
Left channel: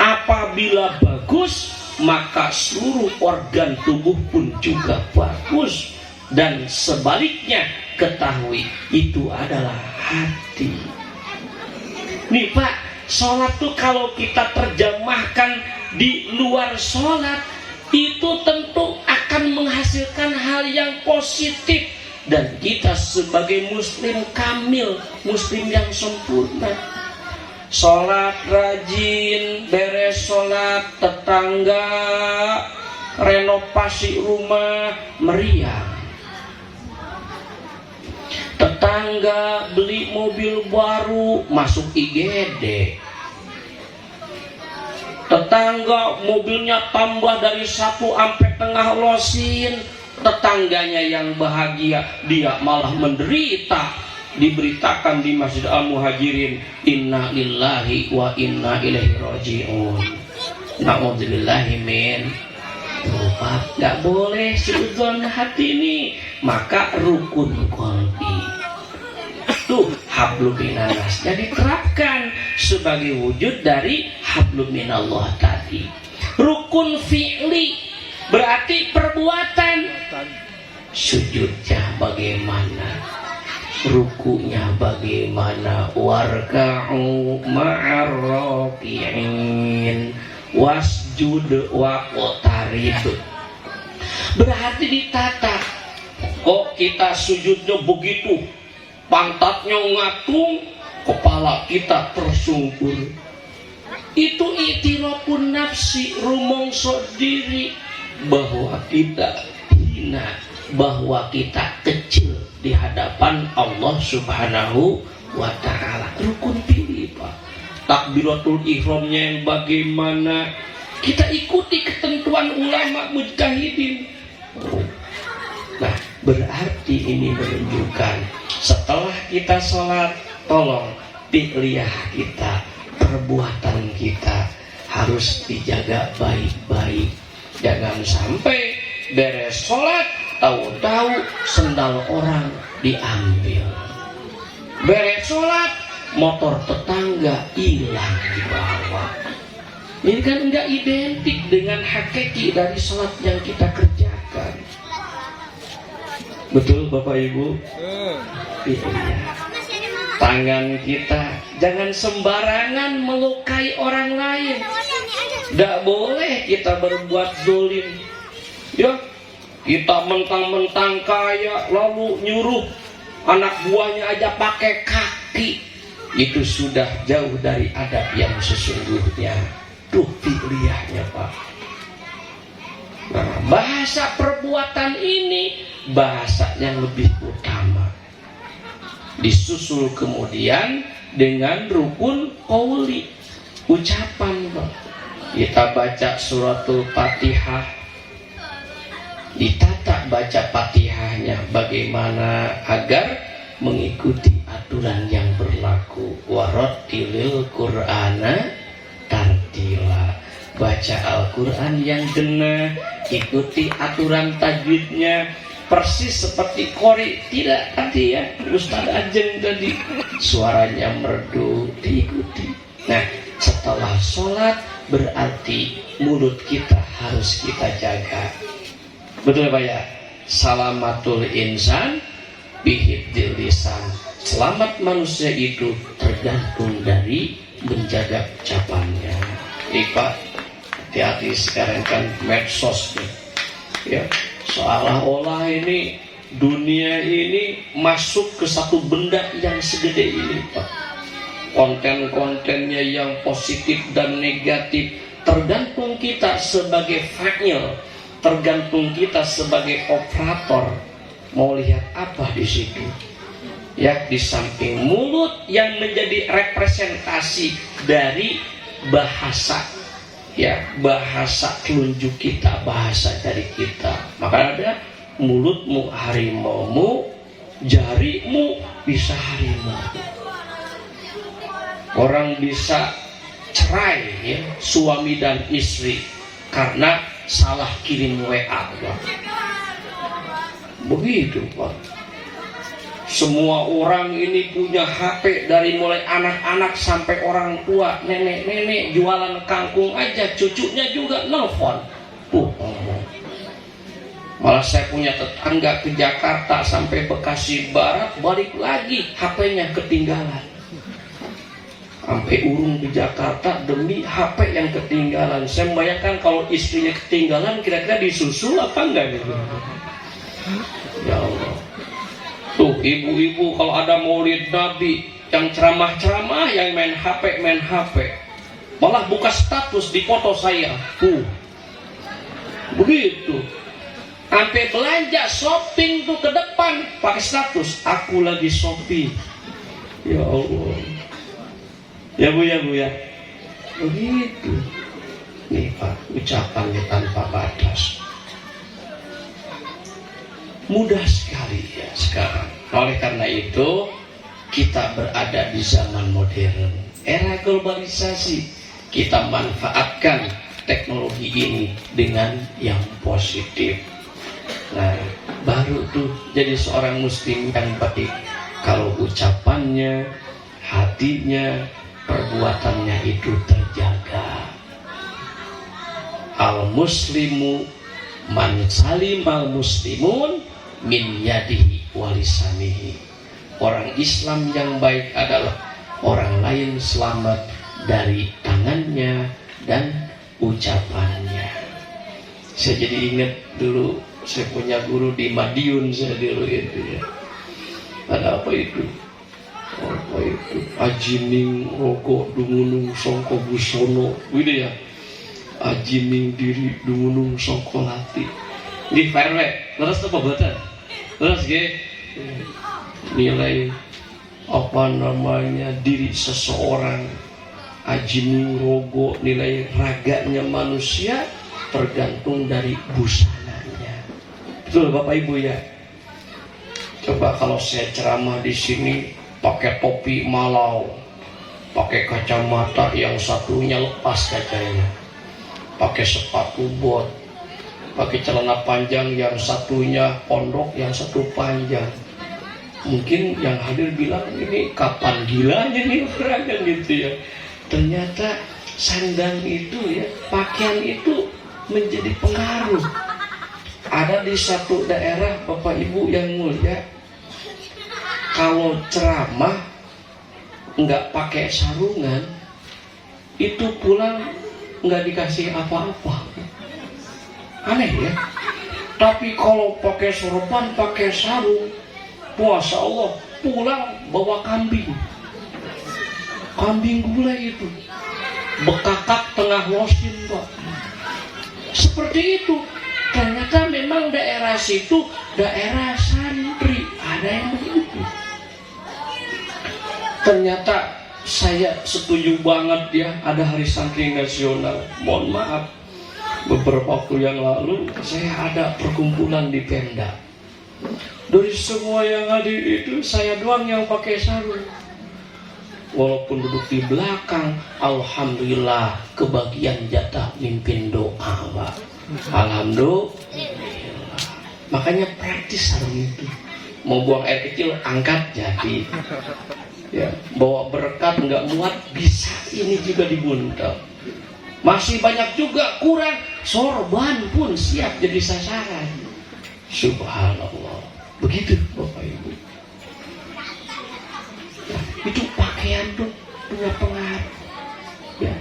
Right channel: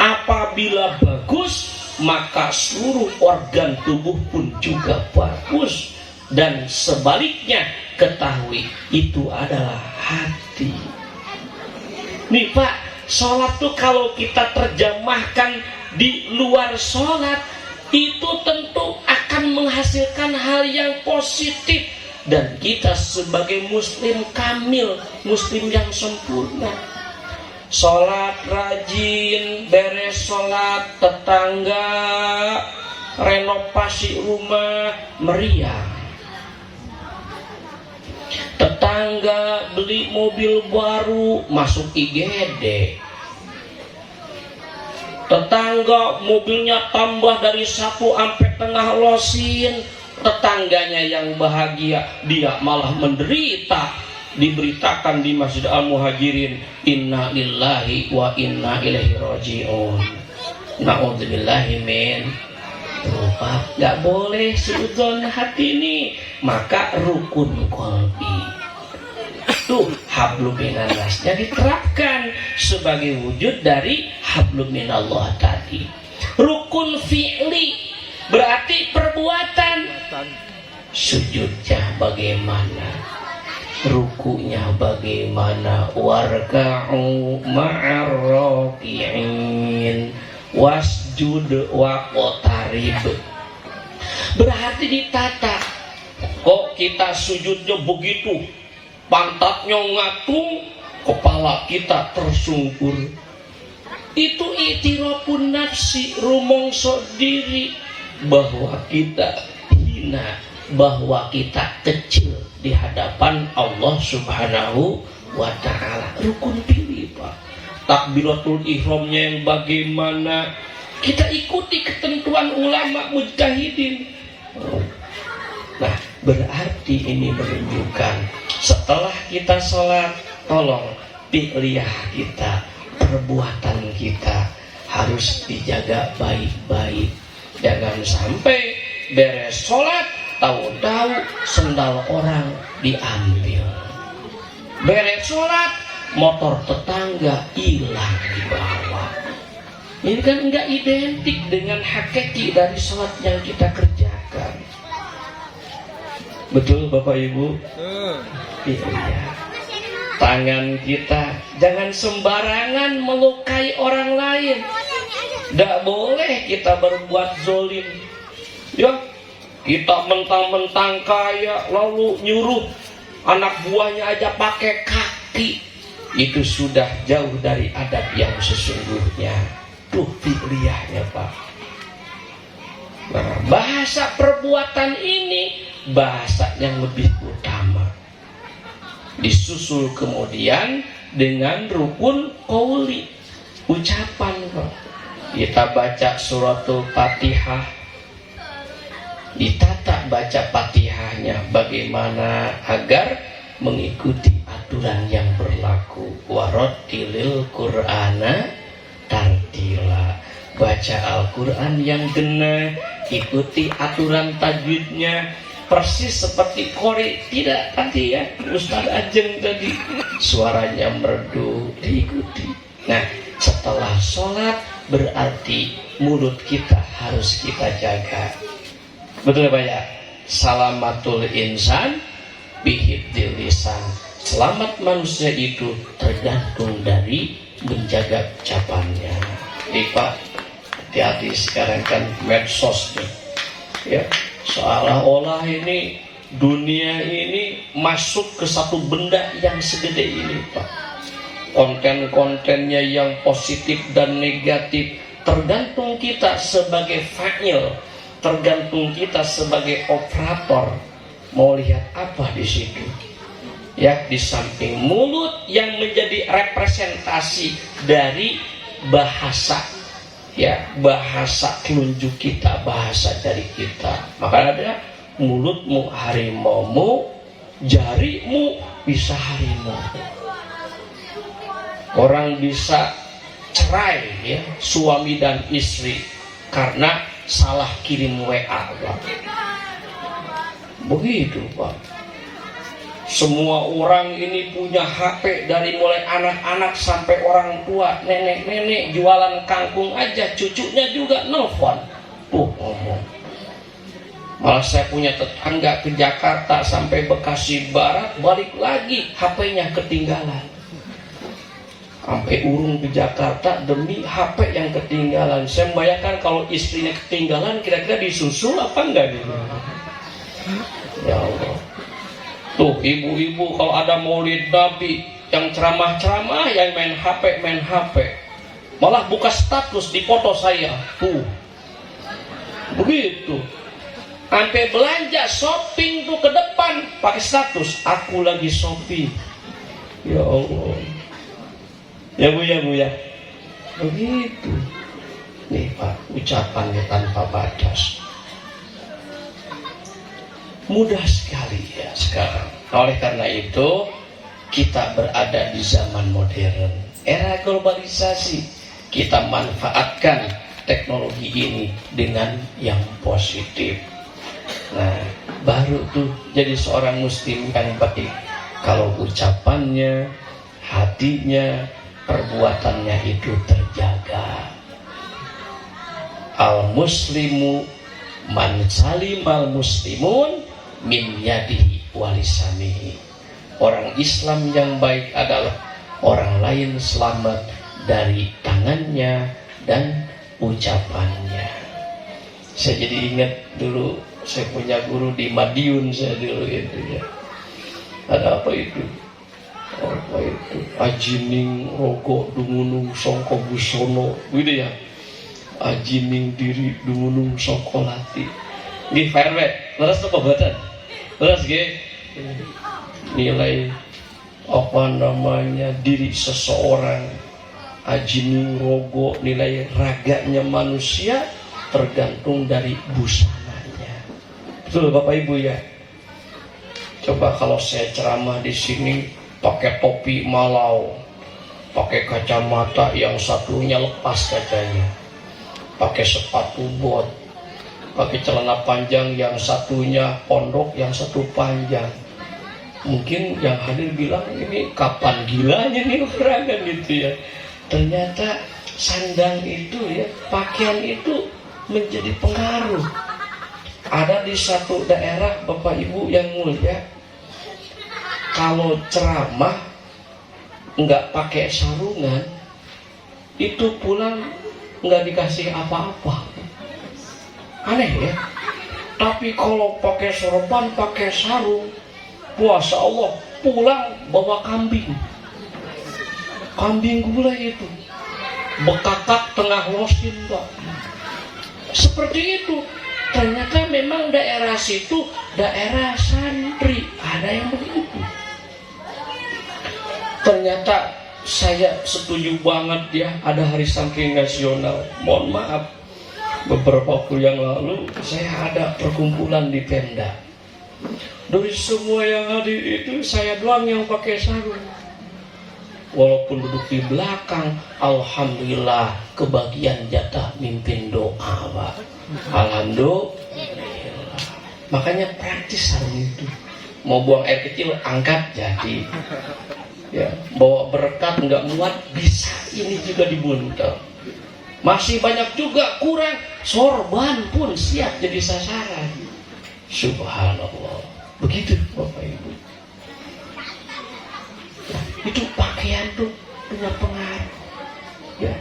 Apabila bagus, maka seluruh organ tubuh pun juga bagus. Dan sebaliknya, ketahui itu adalah hati. Nih Pak, sholat tuh kalau kita terjemahkan di luar sholat, itu tentu akan menghasilkan hal yang positif. Dan kita sebagai muslim kamil, muslim yang sempurna, sholat rajin, beres sholat, tetangga renovasi rumah, meriah. Tetangga beli mobil baru, masuk IGD. Tetangga mobilnya tambah dari 1 sampai tengah losin. Tetangganya yang bahagia, dia malah menderita. Diberitakan di Masjid Al-Muhajirin, inna lillahi wa inna ilaihi raji'un. Na'udzubillahi min. Berupa gak boleh suudzon hati ini, maka rukun qalbi tuh hablum minallah diterapkan sebagai wujud dari hablum minallah tadi. Rukun fi'li berarti perbuatan. Sujudnya bagaimana, rukunya bagaimana, warka'u ma'ar raki'in wasjud waqtarib. Berarti ditata. Kok kita sujudnya begitu, pantatnya ngatung, kepala kita tersungkur. Itu itirafun nafsi, rumongso diri bahwa kita hina, bahwa kita kecil di hadapan Allah Subhanahu wa ta'ala. Rukun pilih Pak. Takbiratul ihramnya yang bagaimana, kita ikuti ketentuan ulama mujtahidin. Nah, berarti ini menunjukkan setelah kita sholat, tolong fi'liyah kita, perbuatan kita harus dijaga baik-baik. Jangan sampai beres sholat, tahu-tahu sendal orang diambil. Beres sholat, motor tetangga hilang di bawah. Ini kan enggak identik dengan hakiki dari sholat yang kita kerjakan. Betul Bapak Ibu? Iya. Tangan kita jangan sembarangan melukai orang lain. Tidak boleh kita berbuat zalim. Ya, kita mentang-mentang kaya lalu nyuruh anak buahnya aja pakai kaki. Itu sudah jauh dari adab yang sesungguhnya. Tuh fi'liyahnya Pak. Nah, bahasa perbuatan ini bahasa yang lebih utama. Disusul kemudian dengan rukun qauli, ucapan Pak. Kita baca suratul Fatihah, ditata baca Fatihahnya bagaimana agar mengikuti aturan yang berlaku. Warattilil Qur'ana tartila. Baca Al-Quran yang benar, ikuti aturan tajwidnya persis seperti qori. Tidak tadi ya Ustaz Ajeng tadi suaranya merdu, diikuti. Nah, setelah sholat berarti mulut kita harus kita jaga. Betul Pak ya? Salamatul insan bihifdzil lisan. Selamat manusia itu tergantung dari menjaga ucapannya. Pak, hati-hati sekarang kan medsos ya, seolah-olah ini dunia ini masuk ke satu benda yang segede ini Pak. Konten-kontennya yang positif dan negatif, tergantung kita sebagai fa'il, tergantung kita sebagai operator mau lihat apa di situ. Ya, di samping mulut yang menjadi representasi dari bahasa, ya bahasa telunjuk kita, bahasa dari kita. Maka ada mulutmu harimaumu, jarimu bisa harimau. Orang bisa cerai ya, suami dan istri karena salah kirim WA. Begitu Pak. Semua orang ini punya HP, dari mulai anak-anak sampai orang tua, nenek-nenek jualan kangkung aja, cucunya juga nelfon. Ngomong. Malah saya punya tetangga ke Jakarta sampai Bekasi Barat, balik lagi HP-nya ketinggalan. Sampai urung di Jakarta demi HP yang ketinggalan. Saya membayangkan kalau istrinya ketinggalan, kira-kira disusul apa enggak gitu. Ya Allah. Tuh ibu-ibu kalau ada maulid Nabi yang ceramah-ceramah, yang main HP. Malah buka status di foto saya. Tuh. Begitu. Sampai belanja shopping tuh ke depan pakai status, aku lagi shopping. Ya Allah. Ya Bu ya. Begitu. Nih Pak, ucapannya tanpa batas. Mudah sekali ya sekarang. Oleh karena itu kita berada di zaman modern, era globalisasi. Kita manfaatkan teknologi ini dengan yang positif. Nah, baru tuh jadi seorang muslim yang baik kalau ucapannya, hatinya, perbuatannya itu terjaga. Al muslimu man salimal muslimun min yadihi walisanihi. Orang Islam yang baik adalah orang lain selamat dari tangannya dan ucapannya. Saya jadi ingat dulu, saya punya guru di Madiun saya dulu itu ya. Ada apa itu? Apa itu? Ajining rokok dumunung songko busono, gitu ya. Ajining diri dumunung songkolati. Di fairway, leres apa buatan? Leres ge. Nilai apa namanya diri seseorang, ajining rogo, nilai raganya manusia tergantung dari busananya. Betul Bapak Ibu ya. Coba kalau saya ceramah di sini pakai topi malau, pakai kacamata, yang satunya lepas kacanya, pakai sepatu bot, pakai celana panjang, yang satunya pondok, yang satu panjang. Mungkin yang hadir bilang, ini kapan gilanya nih orang kan gitu ya. Ternyata sandang itu ya, pakaian itu menjadi pengaruh. Ada di satu daerah Bapak Ibu yang mulia, kalau ceramah nggak pakai sarungan, itu pulang nggak dikasih apa-apa. Aneh ya. Tapi kalau pakai sorban, pakai sarung, Masya Allah, pulang bawa kambing. Kambing gulai itu bekakak tengah losin Pak. Seperti itu. Ternyata memang daerah situ daerah santri, ada yang begitu. Ternyata saya setuju banget ya, ada hari santri nasional. Mohon maaf, beberapa waktu yang lalu saya ada perkumpulan di tenda. Dari semua yang hadir itu saya doang yang pakai sarung. Walaupun duduk di belakang, alhamdulillah kebagian jatah mimpin doa, Pak. Alhamdulillah. Makanya praktis sarung itu. Mau buang air kecil, angkat jadi. Ya, bawa berkat nggak muat, bisa ini juga dibuntel. Masih banyak juga kurang, sorban pun siap jadi sasaran. Subhanallah. Begitu Bapak Ibu ya, itu pakaian tuh punya pengaruh ya.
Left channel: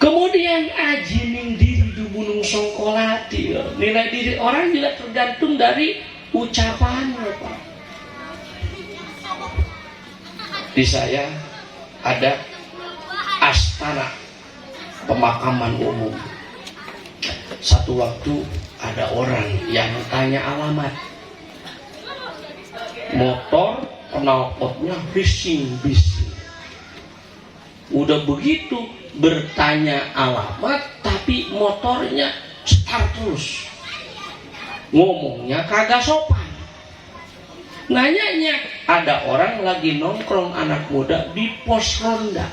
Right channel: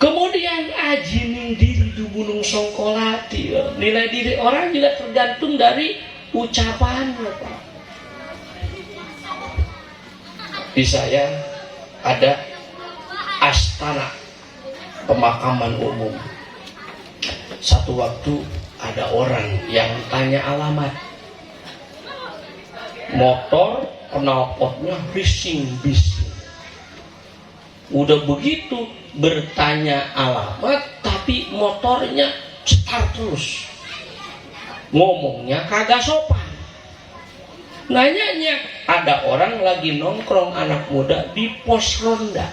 Kemudian ajining diri dumunung songkolati ya. Nilai diri orang juga tergantung dari ucapannya Pak. Di saya ada astana pemakaman umum. Satu waktu ada orang yang tanya alamat. Motor knalpotnya bising-bising. Udah begitu bertanya alamat, tapi motornya start terus. Ngomongnya kagak sopan. Nanyanya, ada orang lagi nongkrong anak muda di pos ronda.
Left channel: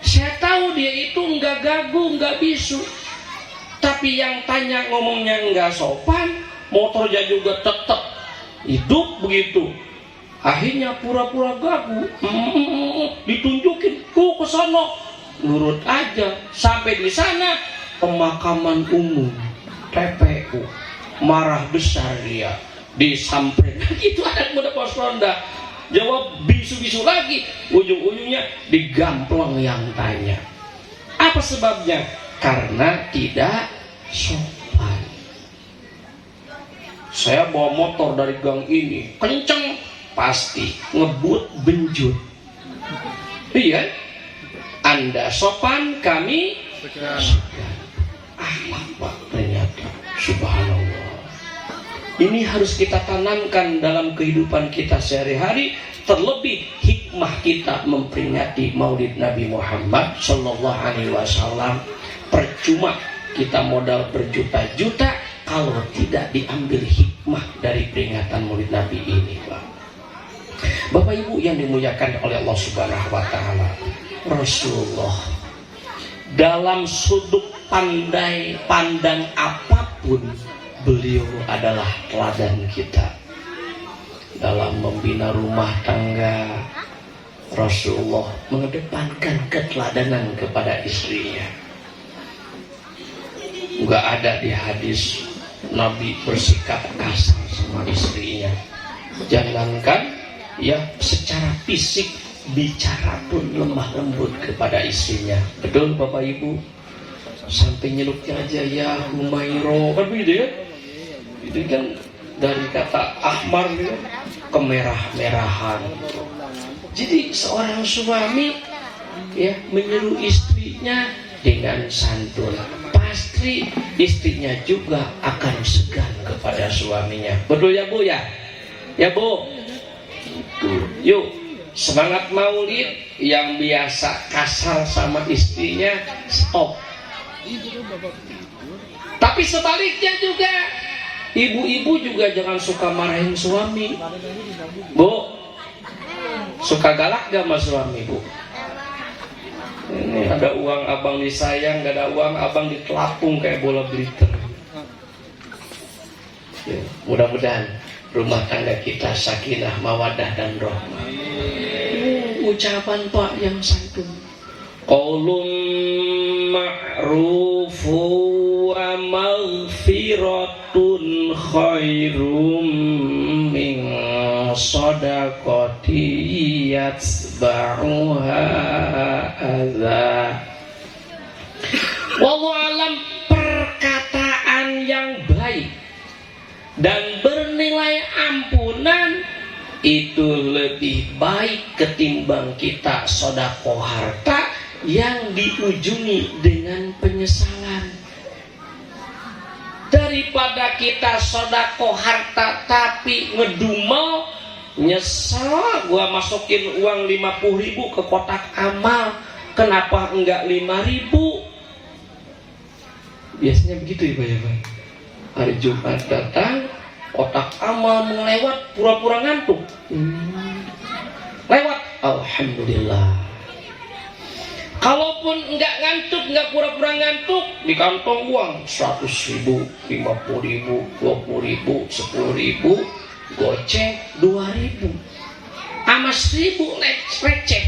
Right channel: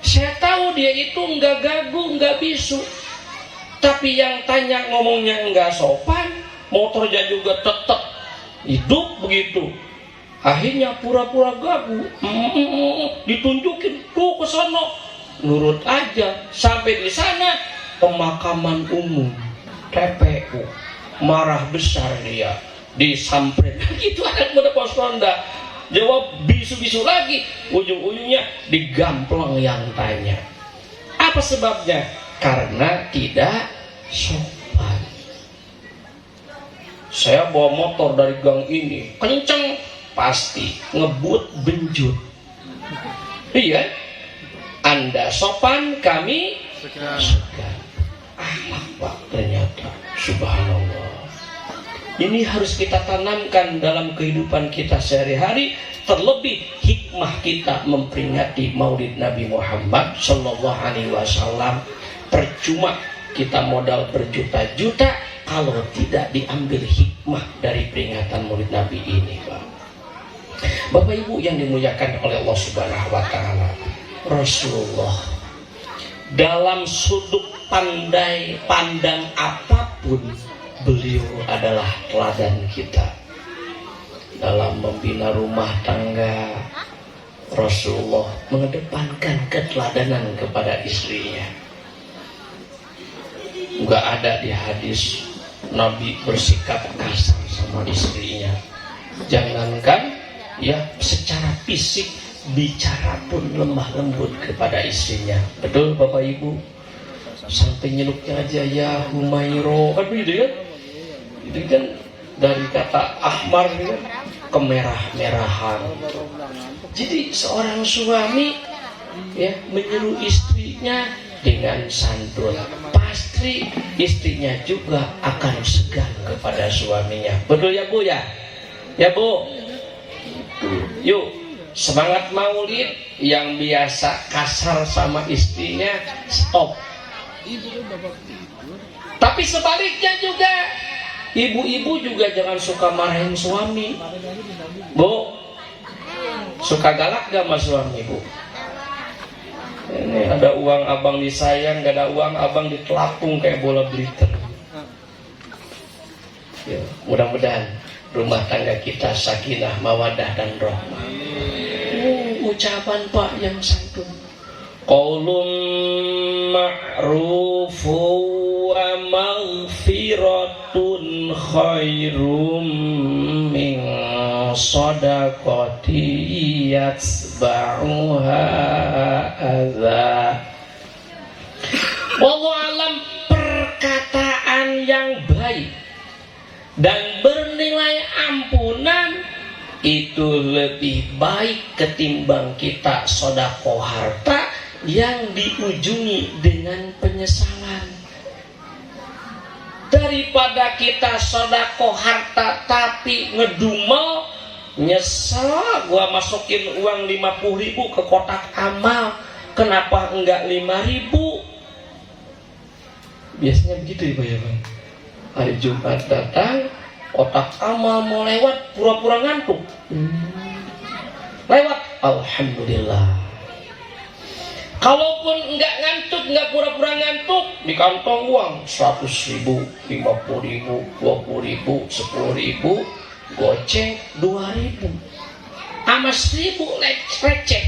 Saya tahu dia itu nggak gagu, nggak bisu. Tapi yang tanya ngomongnya nggak sopan, motornya juga tetap hidup begitu. Akhirnya pura-pura gagu, ditunjukin ke sana, nurut aja. Sampai di sana pemakaman umum, TPU, marah besar dia, disamperin. Itu anak muda pos ronda, jawab bisu-bisu lagi, ujung-ujungnya digamplong yang tanya. Apa sebabnya? Karena tidak sopan. Saya bawa motor dari gang ini, kenceng. Pasti ngebut benjut. Iya. Anda sopan, kami segan. Pak, ternyata subhanallah. Ini harus kita tanamkan dalam kehidupan kita sehari-hari. Terlebih hikmah kita memperingati Maulid Nabi Muhammad Sallallahu Alaihi Wasallam. Percuma kita modal berjuta-juta kalau tidak diambil hikmah dari peringatan Maulid Nabi ini, Pak. Bapak Ibu yang dimuliakan oleh Allah Subhanahu wa taala, Rasulullah dalam sudut pandang apapun beliau adalah teladan kita. Dalam membina rumah tangga, Rasulullah mengedepankan keteladanan kepada istrinya. Enggak ada di hadis Nabi bersikap kasar sama istrinya. Jangankan ya secara fisik, bicara pun lemah lembut kepada istrinya. Betul Bapak Ibu? Sampai nyeluknya aja ya Humairo, kan gitu ya? Itu kan dari kata ahmar gitu, kemerah-merahan. Jadi seorang suami ya menyuruh istrinya dengan santun, pasti istrinya juga akan segan kepada suaminya. Betul ya Bu ya? Ya Bu. Yuk, semangat Maulid. Yang biasa kasar sama istrinya, stop. Tapi sebaliknya juga, ibu-ibu juga jangan suka marahin suami. Bu, suka galak gak sama suami Bu? Ini ada uang abang disayang, gak ada uang abang ditelapung kayak bola bliter. Ya, mudah-mudahan rumah tangga kita sakinah, mawadah dan rahmah. Ucapan Pak yang santun. Qaulun ma'rufu wa maghfiratun khairum min shadaqati yatsba'uha adza. Wallahu alam, perkataan yang baik dan bernilai ampunan itu lebih baik ketimbang kita sedekah harta yang diujungi dengan penyesalan. Daripada kita sedekah harta tapi ngedumel, nyesel, gua masukin uang 50.000 ke kotak amal, kenapa enggak 5.000? Biasanya begitu ya Pak ya Pak. Hari Jumat datang, kotak amal mau lewat, pura-pura ngantuk. Lewat, alhamdulillah. Kalaupun enggak ngantuk, enggak pura-pura ngantuk, di kantong uang 100.000, 50.000, 20.000, 10.000, goceng 2.000, sama 1.000 receh.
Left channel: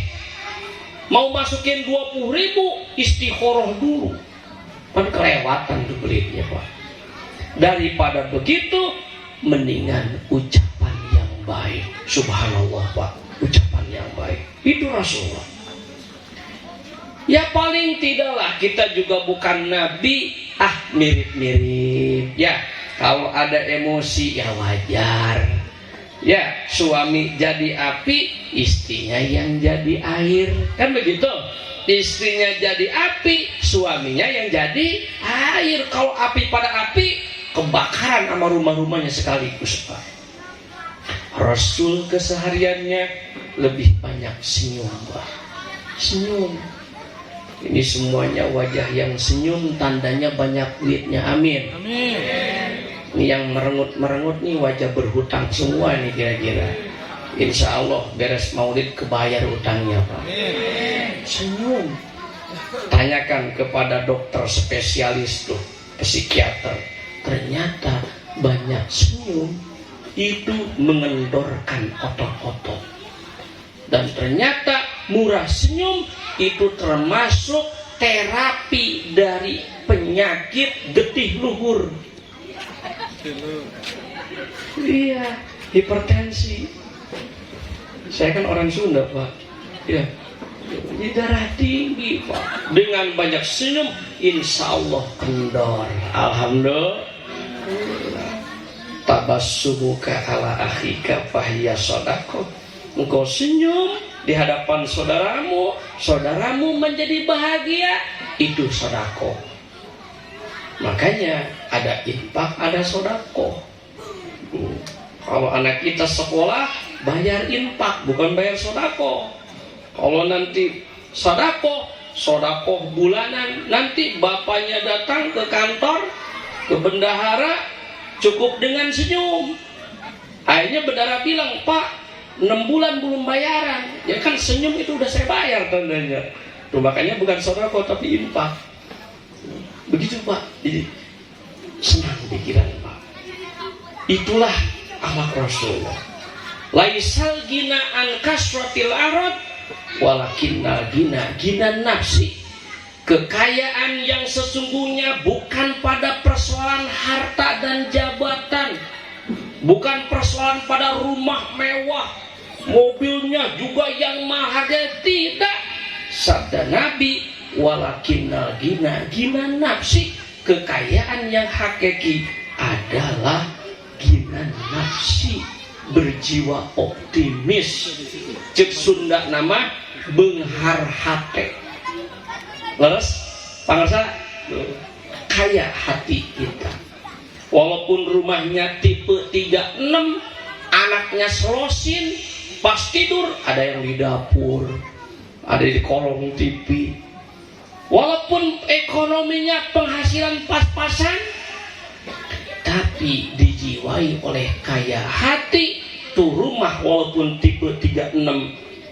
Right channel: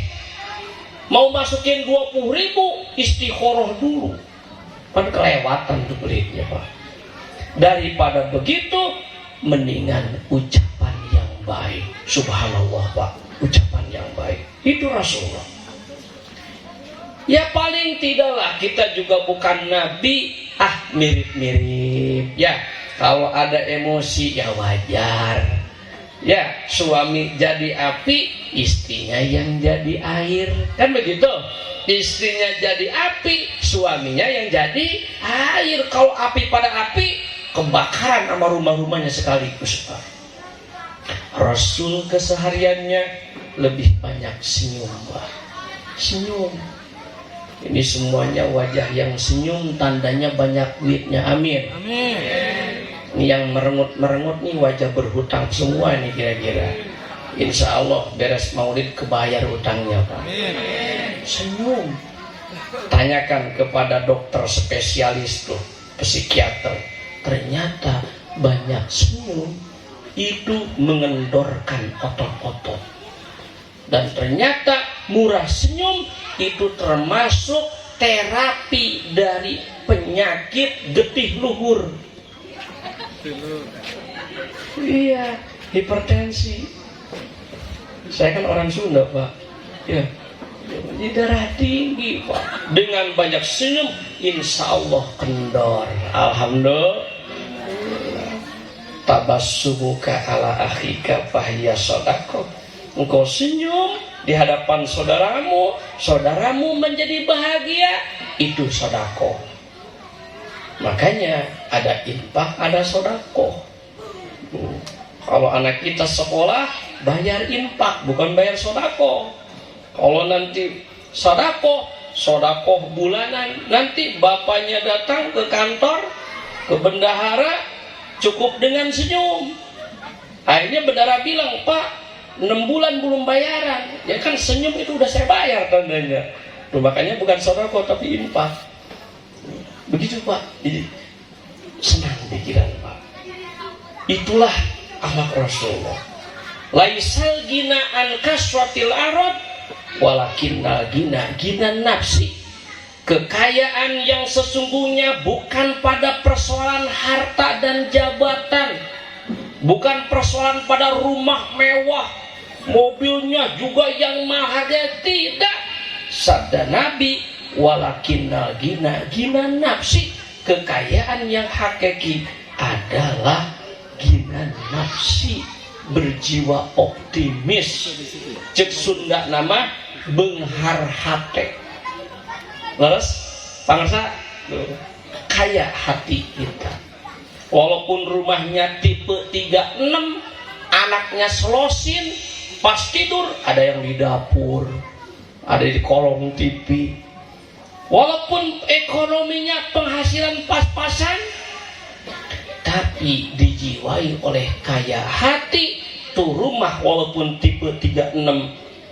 Mau masukin 20.000, istikharah dulu. Kan kelewatan tuh pelitnya Pak. Daripada begitu, mendingan ucapan yang baik. Subhanallah Pak, ucapan yang baik. Itu Rasulullah. Ya paling tidaklah kita juga bukan Nabi, mirip-mirip. Ya, kalau ada emosi ya wajar. Ya, suami jadi api, istrinya yang jadi air. Kan begitu? Istrinya jadi api, suaminya yang jadi air. Kalau api pada api, kebakaran sama rumah-rumahnya sekaligus Pak. Rasul kesehariannya lebih banyak senyum Pak. Senyum. Ini semuanya wajah yang senyum, tandanya banyak duitnya. Amin. Amin. Ini yang merengut-merengut nih wajah berhutang semua nih kira-kira. Insya Allah beres Maulid kebayar utangnya Pak. Amin. Senyum. Tanyakan kepada dokter spesialis tuh, psikiater. Ternyata banyak senyum. itu mengendorkan otot-otot. Dan ternyata murah senyum itu termasuk terapi dari penyakit getih luhur. Iya, hipertensi. Saya kan orang Sunda, Pak. Ya, di darah tinggi, Pak. Dengan banyak senyum, insya Allah kendor. Alhamdulillah. Tabassumuka ala akhika fahiya shadaqah. Engkau senyum di hadapan saudaramu, saudaramu menjadi bahagia, itu sedekah. Makanya ada infak, ada sedekah. Kalau anak kita sekolah, bayar infak, bukan bayar sedekah. Kalau nanti sedekah bulanan, nanti bapaknya datang ke kantor, ke bendahara, cukup dengan senyum. Akhirnya bendahara bilang, Pak, 6 bulan belum bayaran. Ya kan senyum itu udah saya bayar tandanya. Tuh, makanya bukan sedekah tapi infak. Begitu, Pak. Jadi senang pikiran, Pak. Itulah amal Rasulullah. Laisal gina an kasratil arad walakinnal gina nafsi. Kekayaan yang sesungguhnya bukan pada persoalan harta dan jabatan, bukan persoalan pada rumah mewah, mobilnya juga yang mahal, tidak. Sabda Nabi, walakinnal gina nafsi. Kekayaan yang hakiki adalah gina nafsi, berjiwa optimis. Cek Sunda nama benghar hate. Leres pangsa kaya hati kita. Walaupun rumahnya tipe 36, anaknya selosin, pas tidur ada yang di dapur, ada di kolong TV. Walaupun ekonominya penghasilan pas-pasan, tapi dijiwai oleh kaya hati, tuh rumah walaupun tipe 36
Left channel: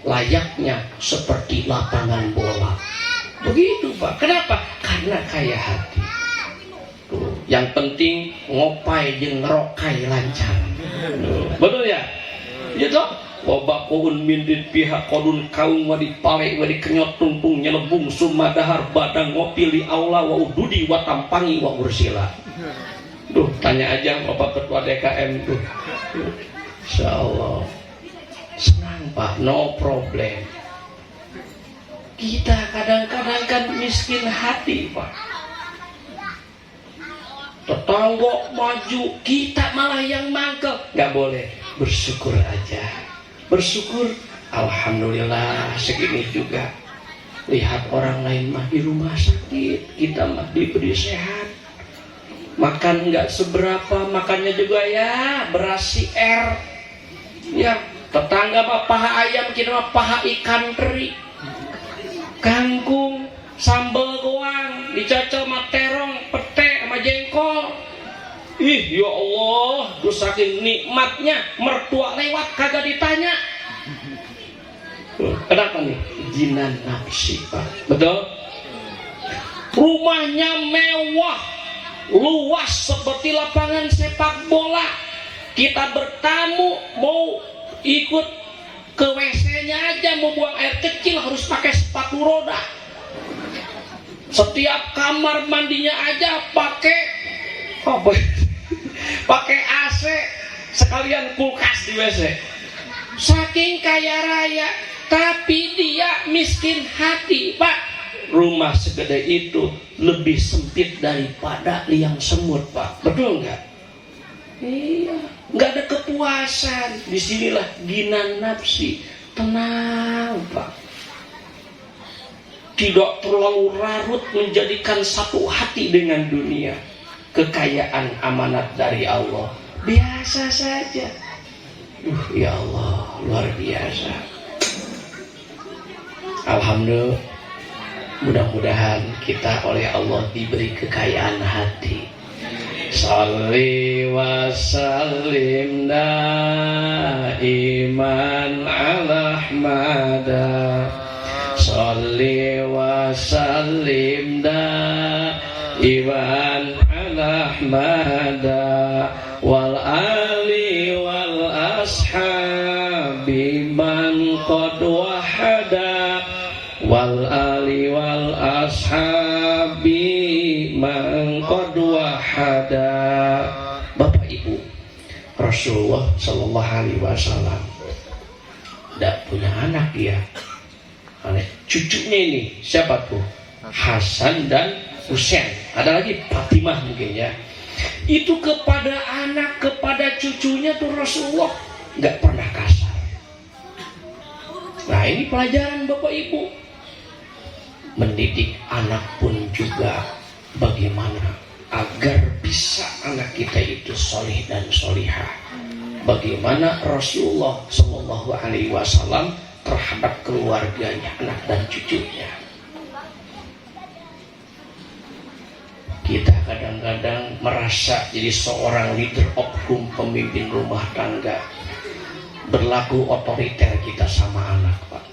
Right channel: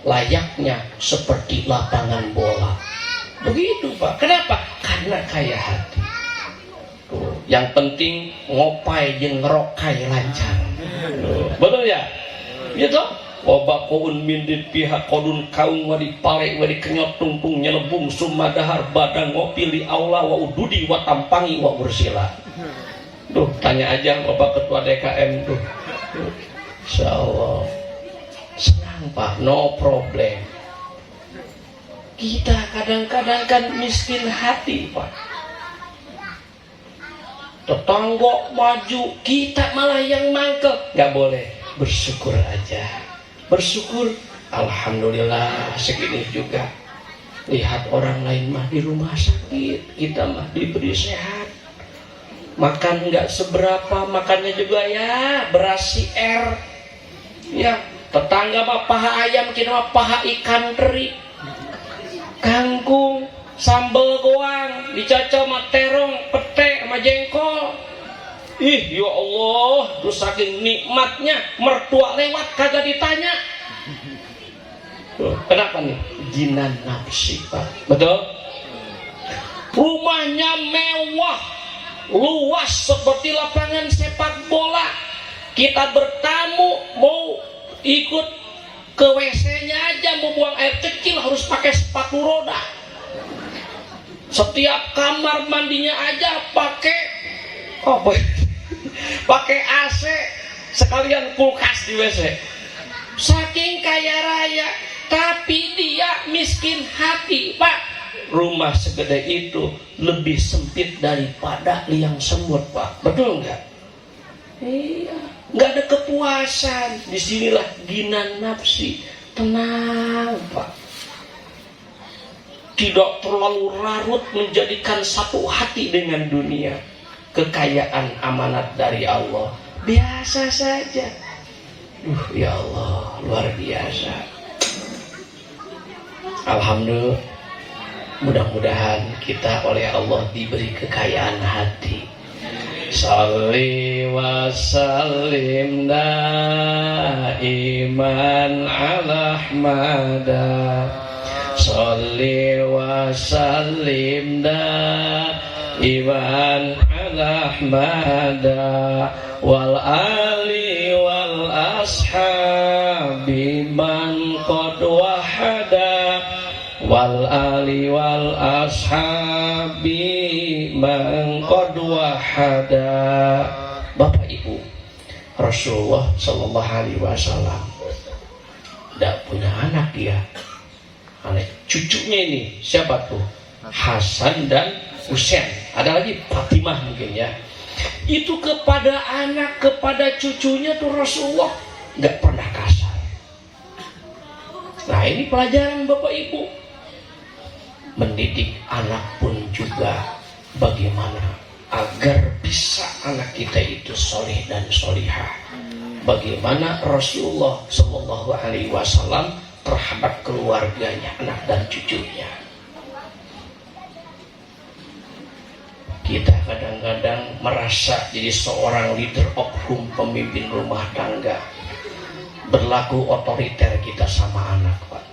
layaknya seperti lapangan bola. Begitu, Pak. Kenapa? Karena kaya hati. Tuh, yang penting ngopai jeung ngerokai lancar. Betul ya? Gitu. Wabak kuun mindit pihak kodun kaung wadi pale wadi kenyot tungtung nyelebung sumadahar badang ngopi li aula wa ududi wa tampangi wa ursila. Duh, tanya aja Bapak Ketua DKM tuh. Insyaallah. Senang, Pak, no problem. Kita kadang-kadang kan miskin hati, Pak. Tetangga maju, kita malah yang mangkel. Gak boleh, bersyukur aja. Bersyukur, alhamdulillah segini juga. Lihat orang lain mah di rumah sakit, kita mah diberi sehat. Makan nggak seberapa, makannya juga ya beras CR. Ya, tetangga mah paha ayam, kita mah paha ikan teri. Kangkung, sambal goang, dicacah sama terong, pete, sama jengkol. Ih, ya Allah, lu saking nikmatnya, mertua lewat kagak ditanya. Kenapa nih? Jinan nafsi, Pak. Betul? Rumahnya mewah, luas seperti lapangan sepak bola. Kita bertamu, mau ikut ke WC-nya aja, mau buang air kecil harus pakai sepatu roda. Setiap kamar mandinya aja pakai AC, sekalian kulkas di WC. Saking kaya raya, tapi dia miskin hati, Pak. Rumah segede itu lebih sempit daripada liang semut, Pak. Betul nggak? Iya, nggak ada kepuasan. Disinilah ginan nafsi, tenang, Pak. Tidak terlalu larut menjadikan satu hati dengan dunia. Kekayaan amanat dari Allah, biasa saja. Ya Allah, luar biasa. Alhamdulillah. Mudah-mudahan kita oleh Allah diberi kekayaan hati. Shalli wa sallim daiman ala Ahmada. Shalli wa sallim daiman ala Ahmada wal ali wa ashabi man qad wahada wal ali wal ashabi man qad wahada. Bapak Ibu, Rasulullah sallallahu alaihi wasallam tidak punya anak dia. Cucunya ini siapa tuh? Hasan dan Husain. Ada lagi Fatimah mungkin ya. Itu kepada anak, kepada cucunya tuh Rasulullah nggak pernah kasar. Nah ini pelajaran Bapak Ibu. Mendidik anak pun juga bagaimana agar bisa anak kita itu soleh dan solihah. Bagaimana Rasulullah Shallallahu Alaihi Wasallam terhadap keluarganya, anak dan cucunya. Kita kadang-kadang merasa jadi seorang leader of home, pemimpin rumah tangga, berlaku otoriter kita sama anak, Pak.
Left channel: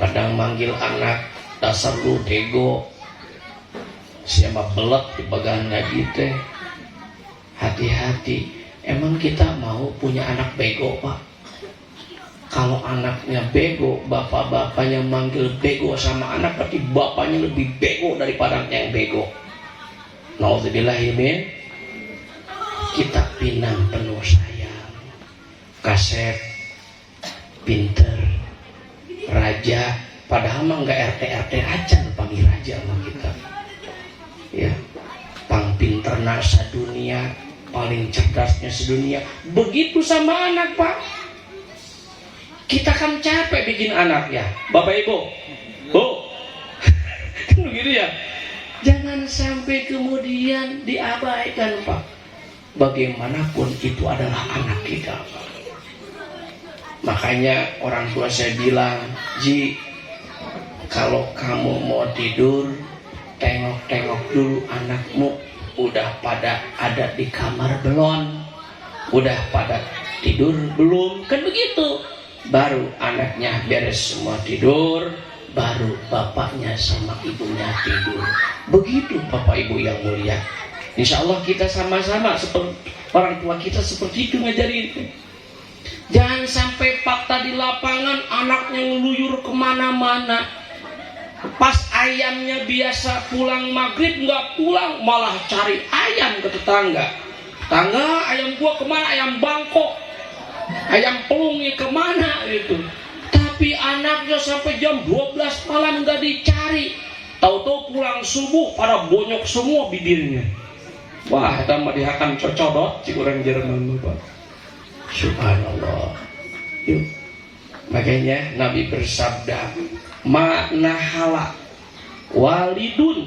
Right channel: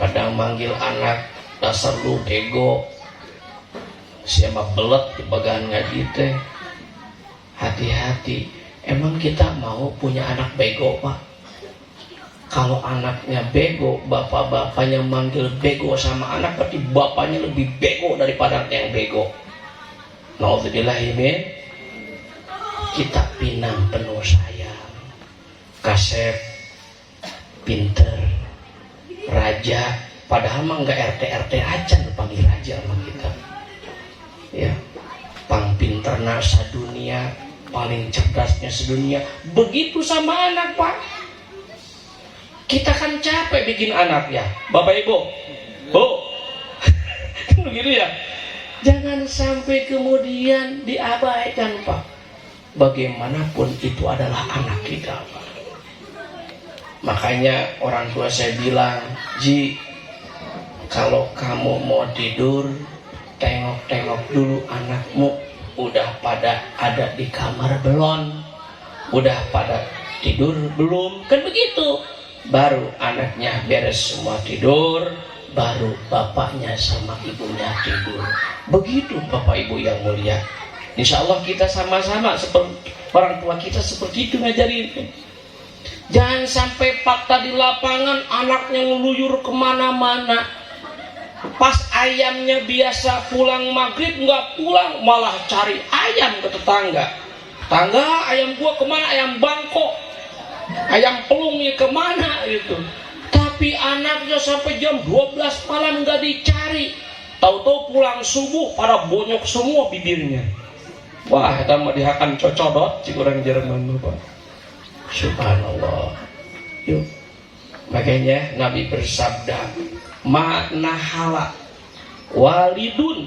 Kadang manggil anak, dasar lu bego, siapa belet di bagian ngaji teh. Hati-hati, emang kita mau punya anak bego, Pak? Kalau anaknya bego, bapak-bapaknya manggil bego sama anak, berarti bapaknya lebih bego daripada yang bego. Nauzubillahimin. Kita pinang penuh sayang, kasep, pinter, raja, padahal mah nggak RT aja panggil raja sama kita. Ya, pang pinterna sadunia, paling cerdasnya sedunia. Begitu sama anak, Pak. Kita kan capek bikin anak ya, Bapak Ibu. Bu, kan begitu ya. Jangan sampai kemudian diabaikan, Pak. Bagaimanapun itu adalah anak kita, Pak. Makanya orang tua saya bilang, Ji, kalau kamu mau tidur, tengok-tengok dulu anakmu udah pada ada di kamar belum, udah pada tidur belum, kan begitu. Baru anaknya beres semua tidur, baru bapaknya sama ibunya tidur. Begitu Bapak Ibu yang mulia. Insya Allah kita sama-sama seperti orang tua kita seperti itu ngajarin. Jangan sampai fakta di lapangan anaknya ngeluyur kemana-mana. Pas ayamnya biasa pulang maghrib nggak pulang, malah cari ayam ke tetangga. Tetangga, ayam gua kemana? Ayam bangkok, ayam pelungnya kemana itu. Tapi anaknya sampai jam 12 malam nggak dicari. Tahu-tahu pulang subuh pada bonyok semua bibirnya. Wah, kita mau dihakan cocodot ci orang Jerman, Bapak. Subhanallah. Yuk. Makanya Nabi bersabda, "Ma'na hala walidun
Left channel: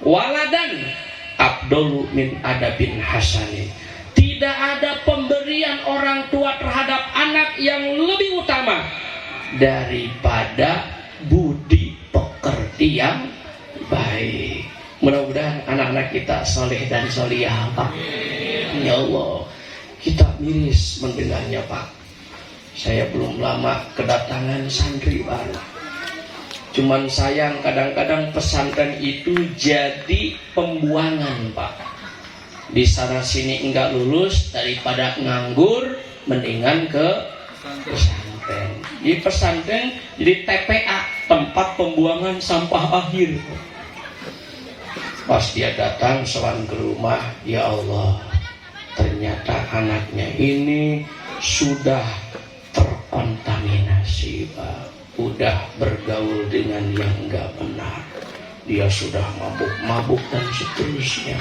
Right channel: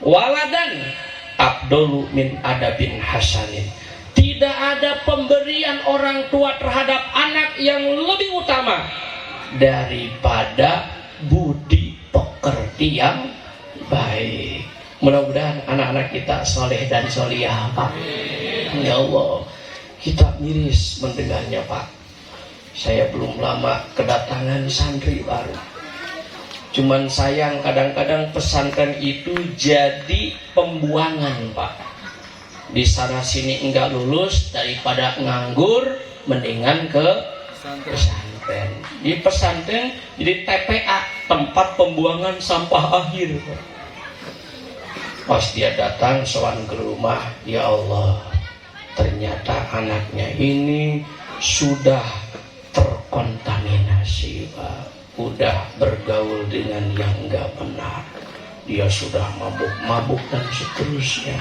waladan abdul min adabin hasanin." Tidak ada pemberian orang tua terhadap anak yang lebih utama daripada budi pekerti yang baik. Mudah-mudahan anak-anak kita soleh dan solihah, Pak. Ya Allah, kita miris mendengarnya, Pak. Saya belum lama kedatangan santri baru. Cuman sayang kadang-kadang pesantren itu jadi pembuangan, Pak. Di sana sini enggak lulus, daripada nganggur mendingan ke pesantren. Di pesantren jadi TPA, tempat pembuangan sampah akhir. Pas dia datang sowan ke rumah, ya Allah, ternyata anaknya ini sudah terkontaminasi, Pak. Udah bergaul dengan yang enggak benar. Dia sudah mabuk-mabuk dan seterusnya.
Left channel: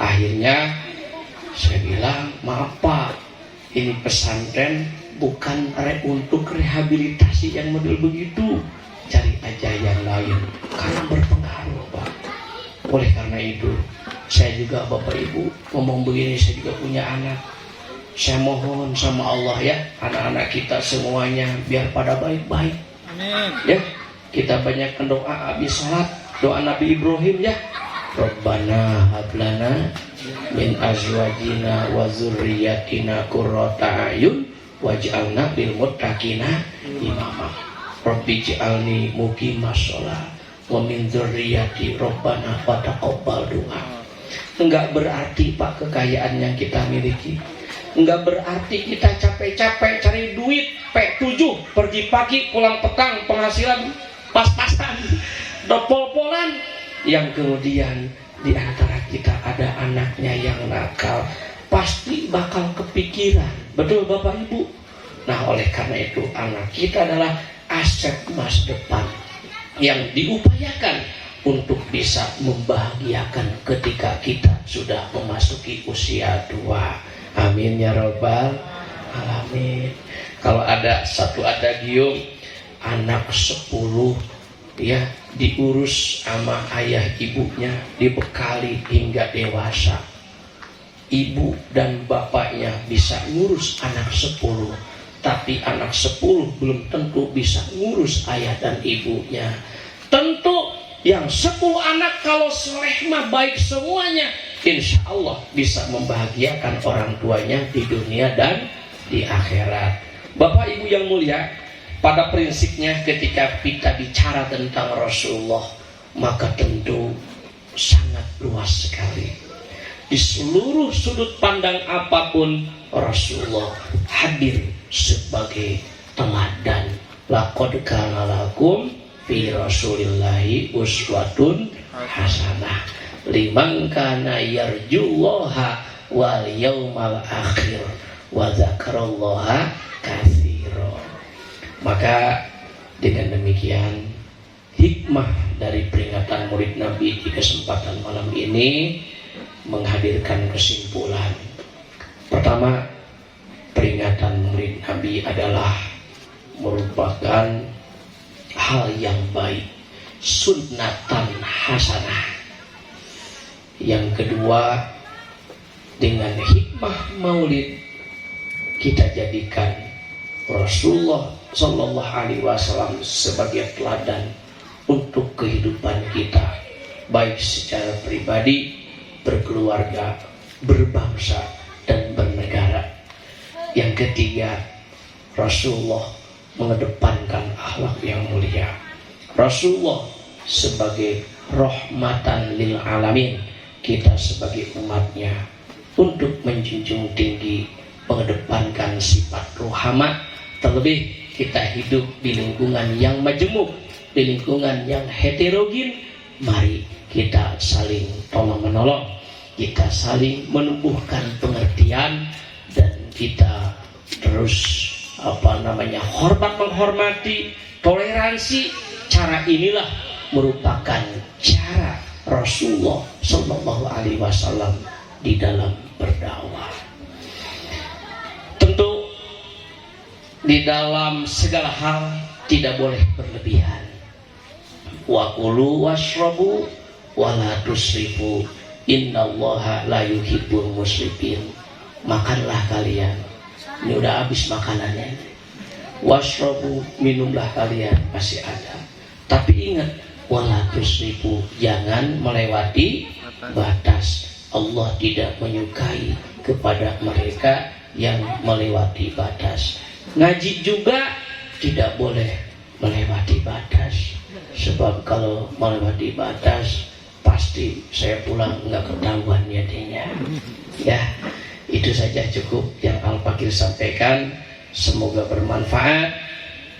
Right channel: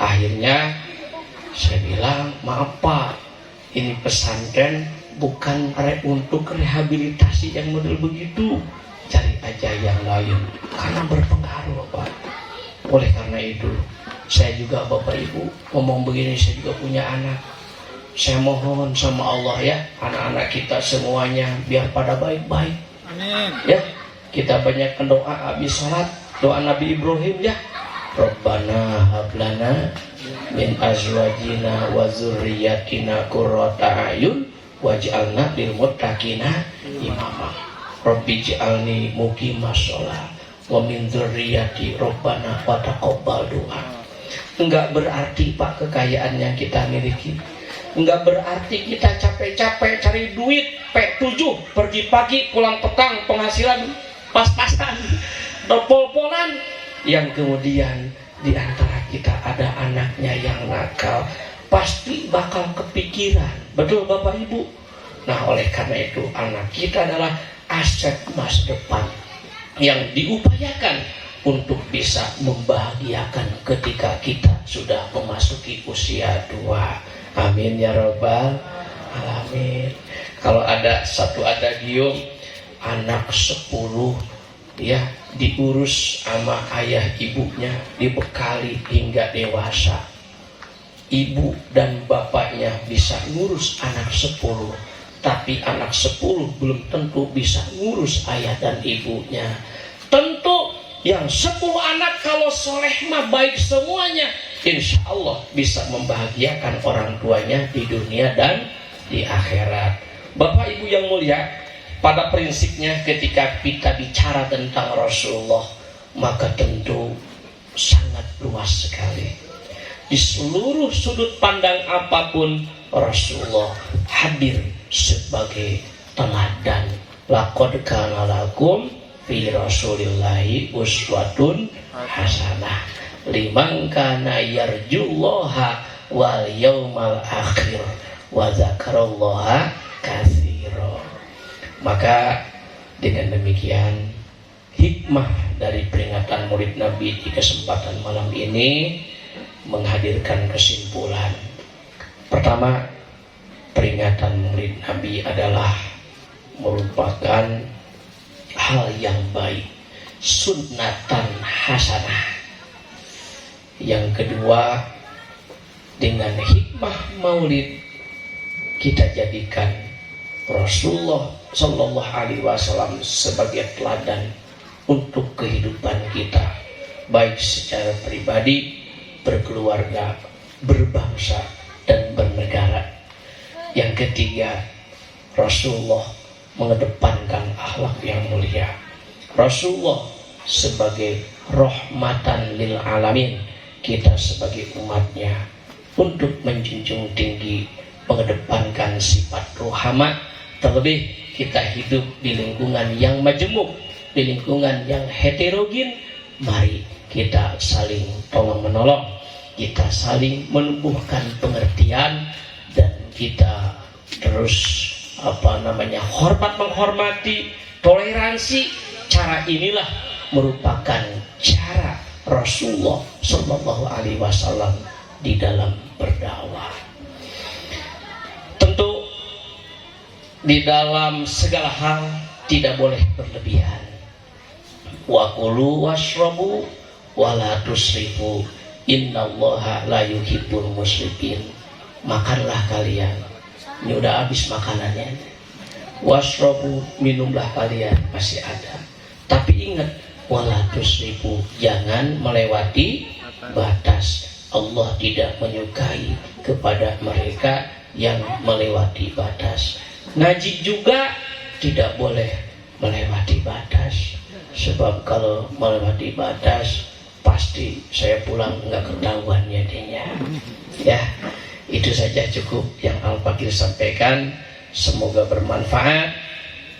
Akhirnya saya bilang, maaf Pak, ini pesantren bukan untuk rehabilitasi yang model begitu. Cari aja yang lain, karena berpengaruh, Pak. Oleh karena itu, saya juga Bapak Ibu ngomong begini, saya juga punya anak. Saya mohon sama Allah ya, anak-anak kita semuanya biar pada baik-baik. Amin. Ya, kita banyak doa habis sholat, doa Nabi Ibrahim ya. Rabbana hablana min azwajina wa dzurriyyatina qurrata a'yun waj'alna lil muttaqina imama. Rabbi ij'alni muqimas shalah wa min dzurriyyati rabbana wa taqabbal du'a. Enggak berarti Pak kekayaan yang kita miliki. Enggak berarti kita capek-capek cari duit P7 pergi pagi pulang petang penghasilan pas-pasan dopol-polan, yang kemudian di antara kita ada anaknya yang nakal, pasti bakal kepikiran. Betul Bapak Ibu? Nah, oleh karena itu anak kita adalah aset masa depan yang diupayakan untuk bisa membahagiakan ketika kita sudah memasuki usia tua. Amin ya Rabbal Alamin. Kalau ada satu adagium, anak 10 ya diurus sama ayah ibunya, dibekali hingga dewasa. Ibu dan bapaknya bisa ngurus anak 10, tapi anak 10 belum tentu bisa ngurus ayah dan ibunya. Tentu yang 10 anak kalau soleh mah baik semuanya, insya Allah bisa membahagiakan orang tuanya di dunia dan di akhirat. Bapak Ibu yang mulia, pada prinsipnya ketika kita bicara tentang Rasulullah, maka tentu sangat luas sekali. Di seluruh sudut pandang apapun, Rasulullah hadir sebagai teladan. Laqad kana lakum fi Rasulillahi uswatun hasanah liman kana yarjullaha wal yaumal akhir wa dzakarallaha katsira. Maka dengan demikian hikmah dari peringatan Maulid Nabi di kesempatan malam ini menghadirkan kesimpulan. Pertama, peringatan Maulid Nabi adalah merupakan hal yang baik, sunnatan hasanah. Yang kedua, dengan hikmah maulid kita jadikan Rasulullah Shallallahu Alaihi Wasallam sebagai teladan untuk kehidupan kita, baik secara pribadi, berkeluarga, berbangsa, dan bernegara. Yang ketiga, Rasulullah mengedepankan akhlak yang mulia. Rasulullah sebagai rahmatan lil alamin, kita sebagai umatnya untuk menjunjung tinggi mengedepankan sifat rohama. Terlebih kita hidup di lingkungan yang majemuk, di lingkungan yang heterogen. Mari kita saling tolong menolong, kita saling menumbuhkan pengertian, dan kita terus hormat menghormati, toleransi. Cara inilah merupakan cara Rasulullah Shallallahu Alaihi Wasallam di dalam berdakwah. Tentu di dalam segala hal tidak boleh berlebihan. Wa kulu washrabu wa la tusrifu innallaha la yuhibbul musrifin. Makanlah kalian, ini udah habis makanannya. Washrabu, minumlah kalian, masih ada. Tapi ingat, wala tusrifu, jangan melewati batas. Allah tidak menyukai kepada mereka yang melewati batas. Ngaji juga tidak boleh melewati batas. Sebab kalau melewati batas, pasti saya pulang nggak ketahuan jadinya. Ya, itu saja cukup yang Al-Fakir sampaikan. Semoga bermanfaat.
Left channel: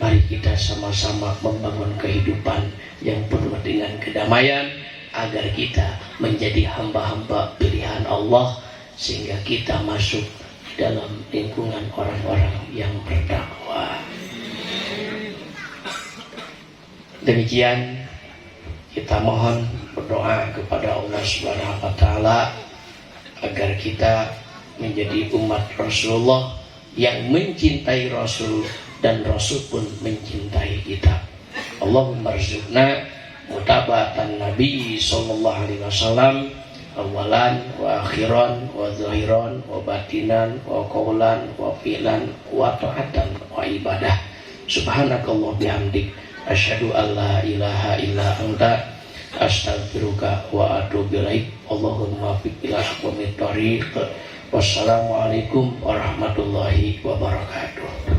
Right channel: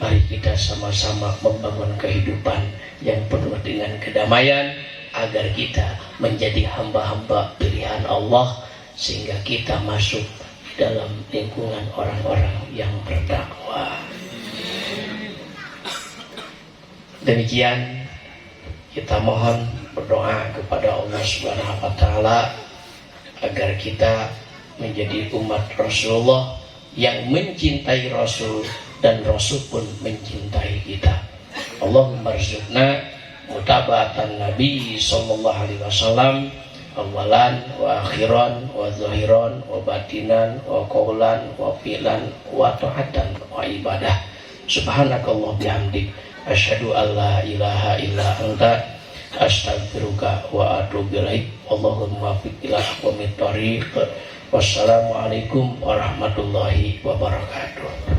Mari kita sama-sama membangun kehidupan yang penuh dengan kedamaian, agar kita menjadi hamba-hamba pilihan Allah, sehingga kita masuk dalam lingkungan orang-orang yang berdakwah. Demikian kita mohon berdoa kepada Allah Subhanahu wa taala agar kita menjadi umat Rasulullah yang mencintai Rasul, dan Rasul pun mencintai kita. Allahumma rzuqna mutaba'atan Nabi sallallahu alaihi wasallam awalan wa akhiran wa zahiran wa batinan wa qaulan wa fi'lan wa ta'atan wa ibadah. Subhanakallah bihamdik asyhadu an la ilaha illa anta astaghfiruka wa atubu ilaik. Allahumma waffiq ila aqwamit thoriq. Wassalamualaikum warahmatullahi wabarakatuh.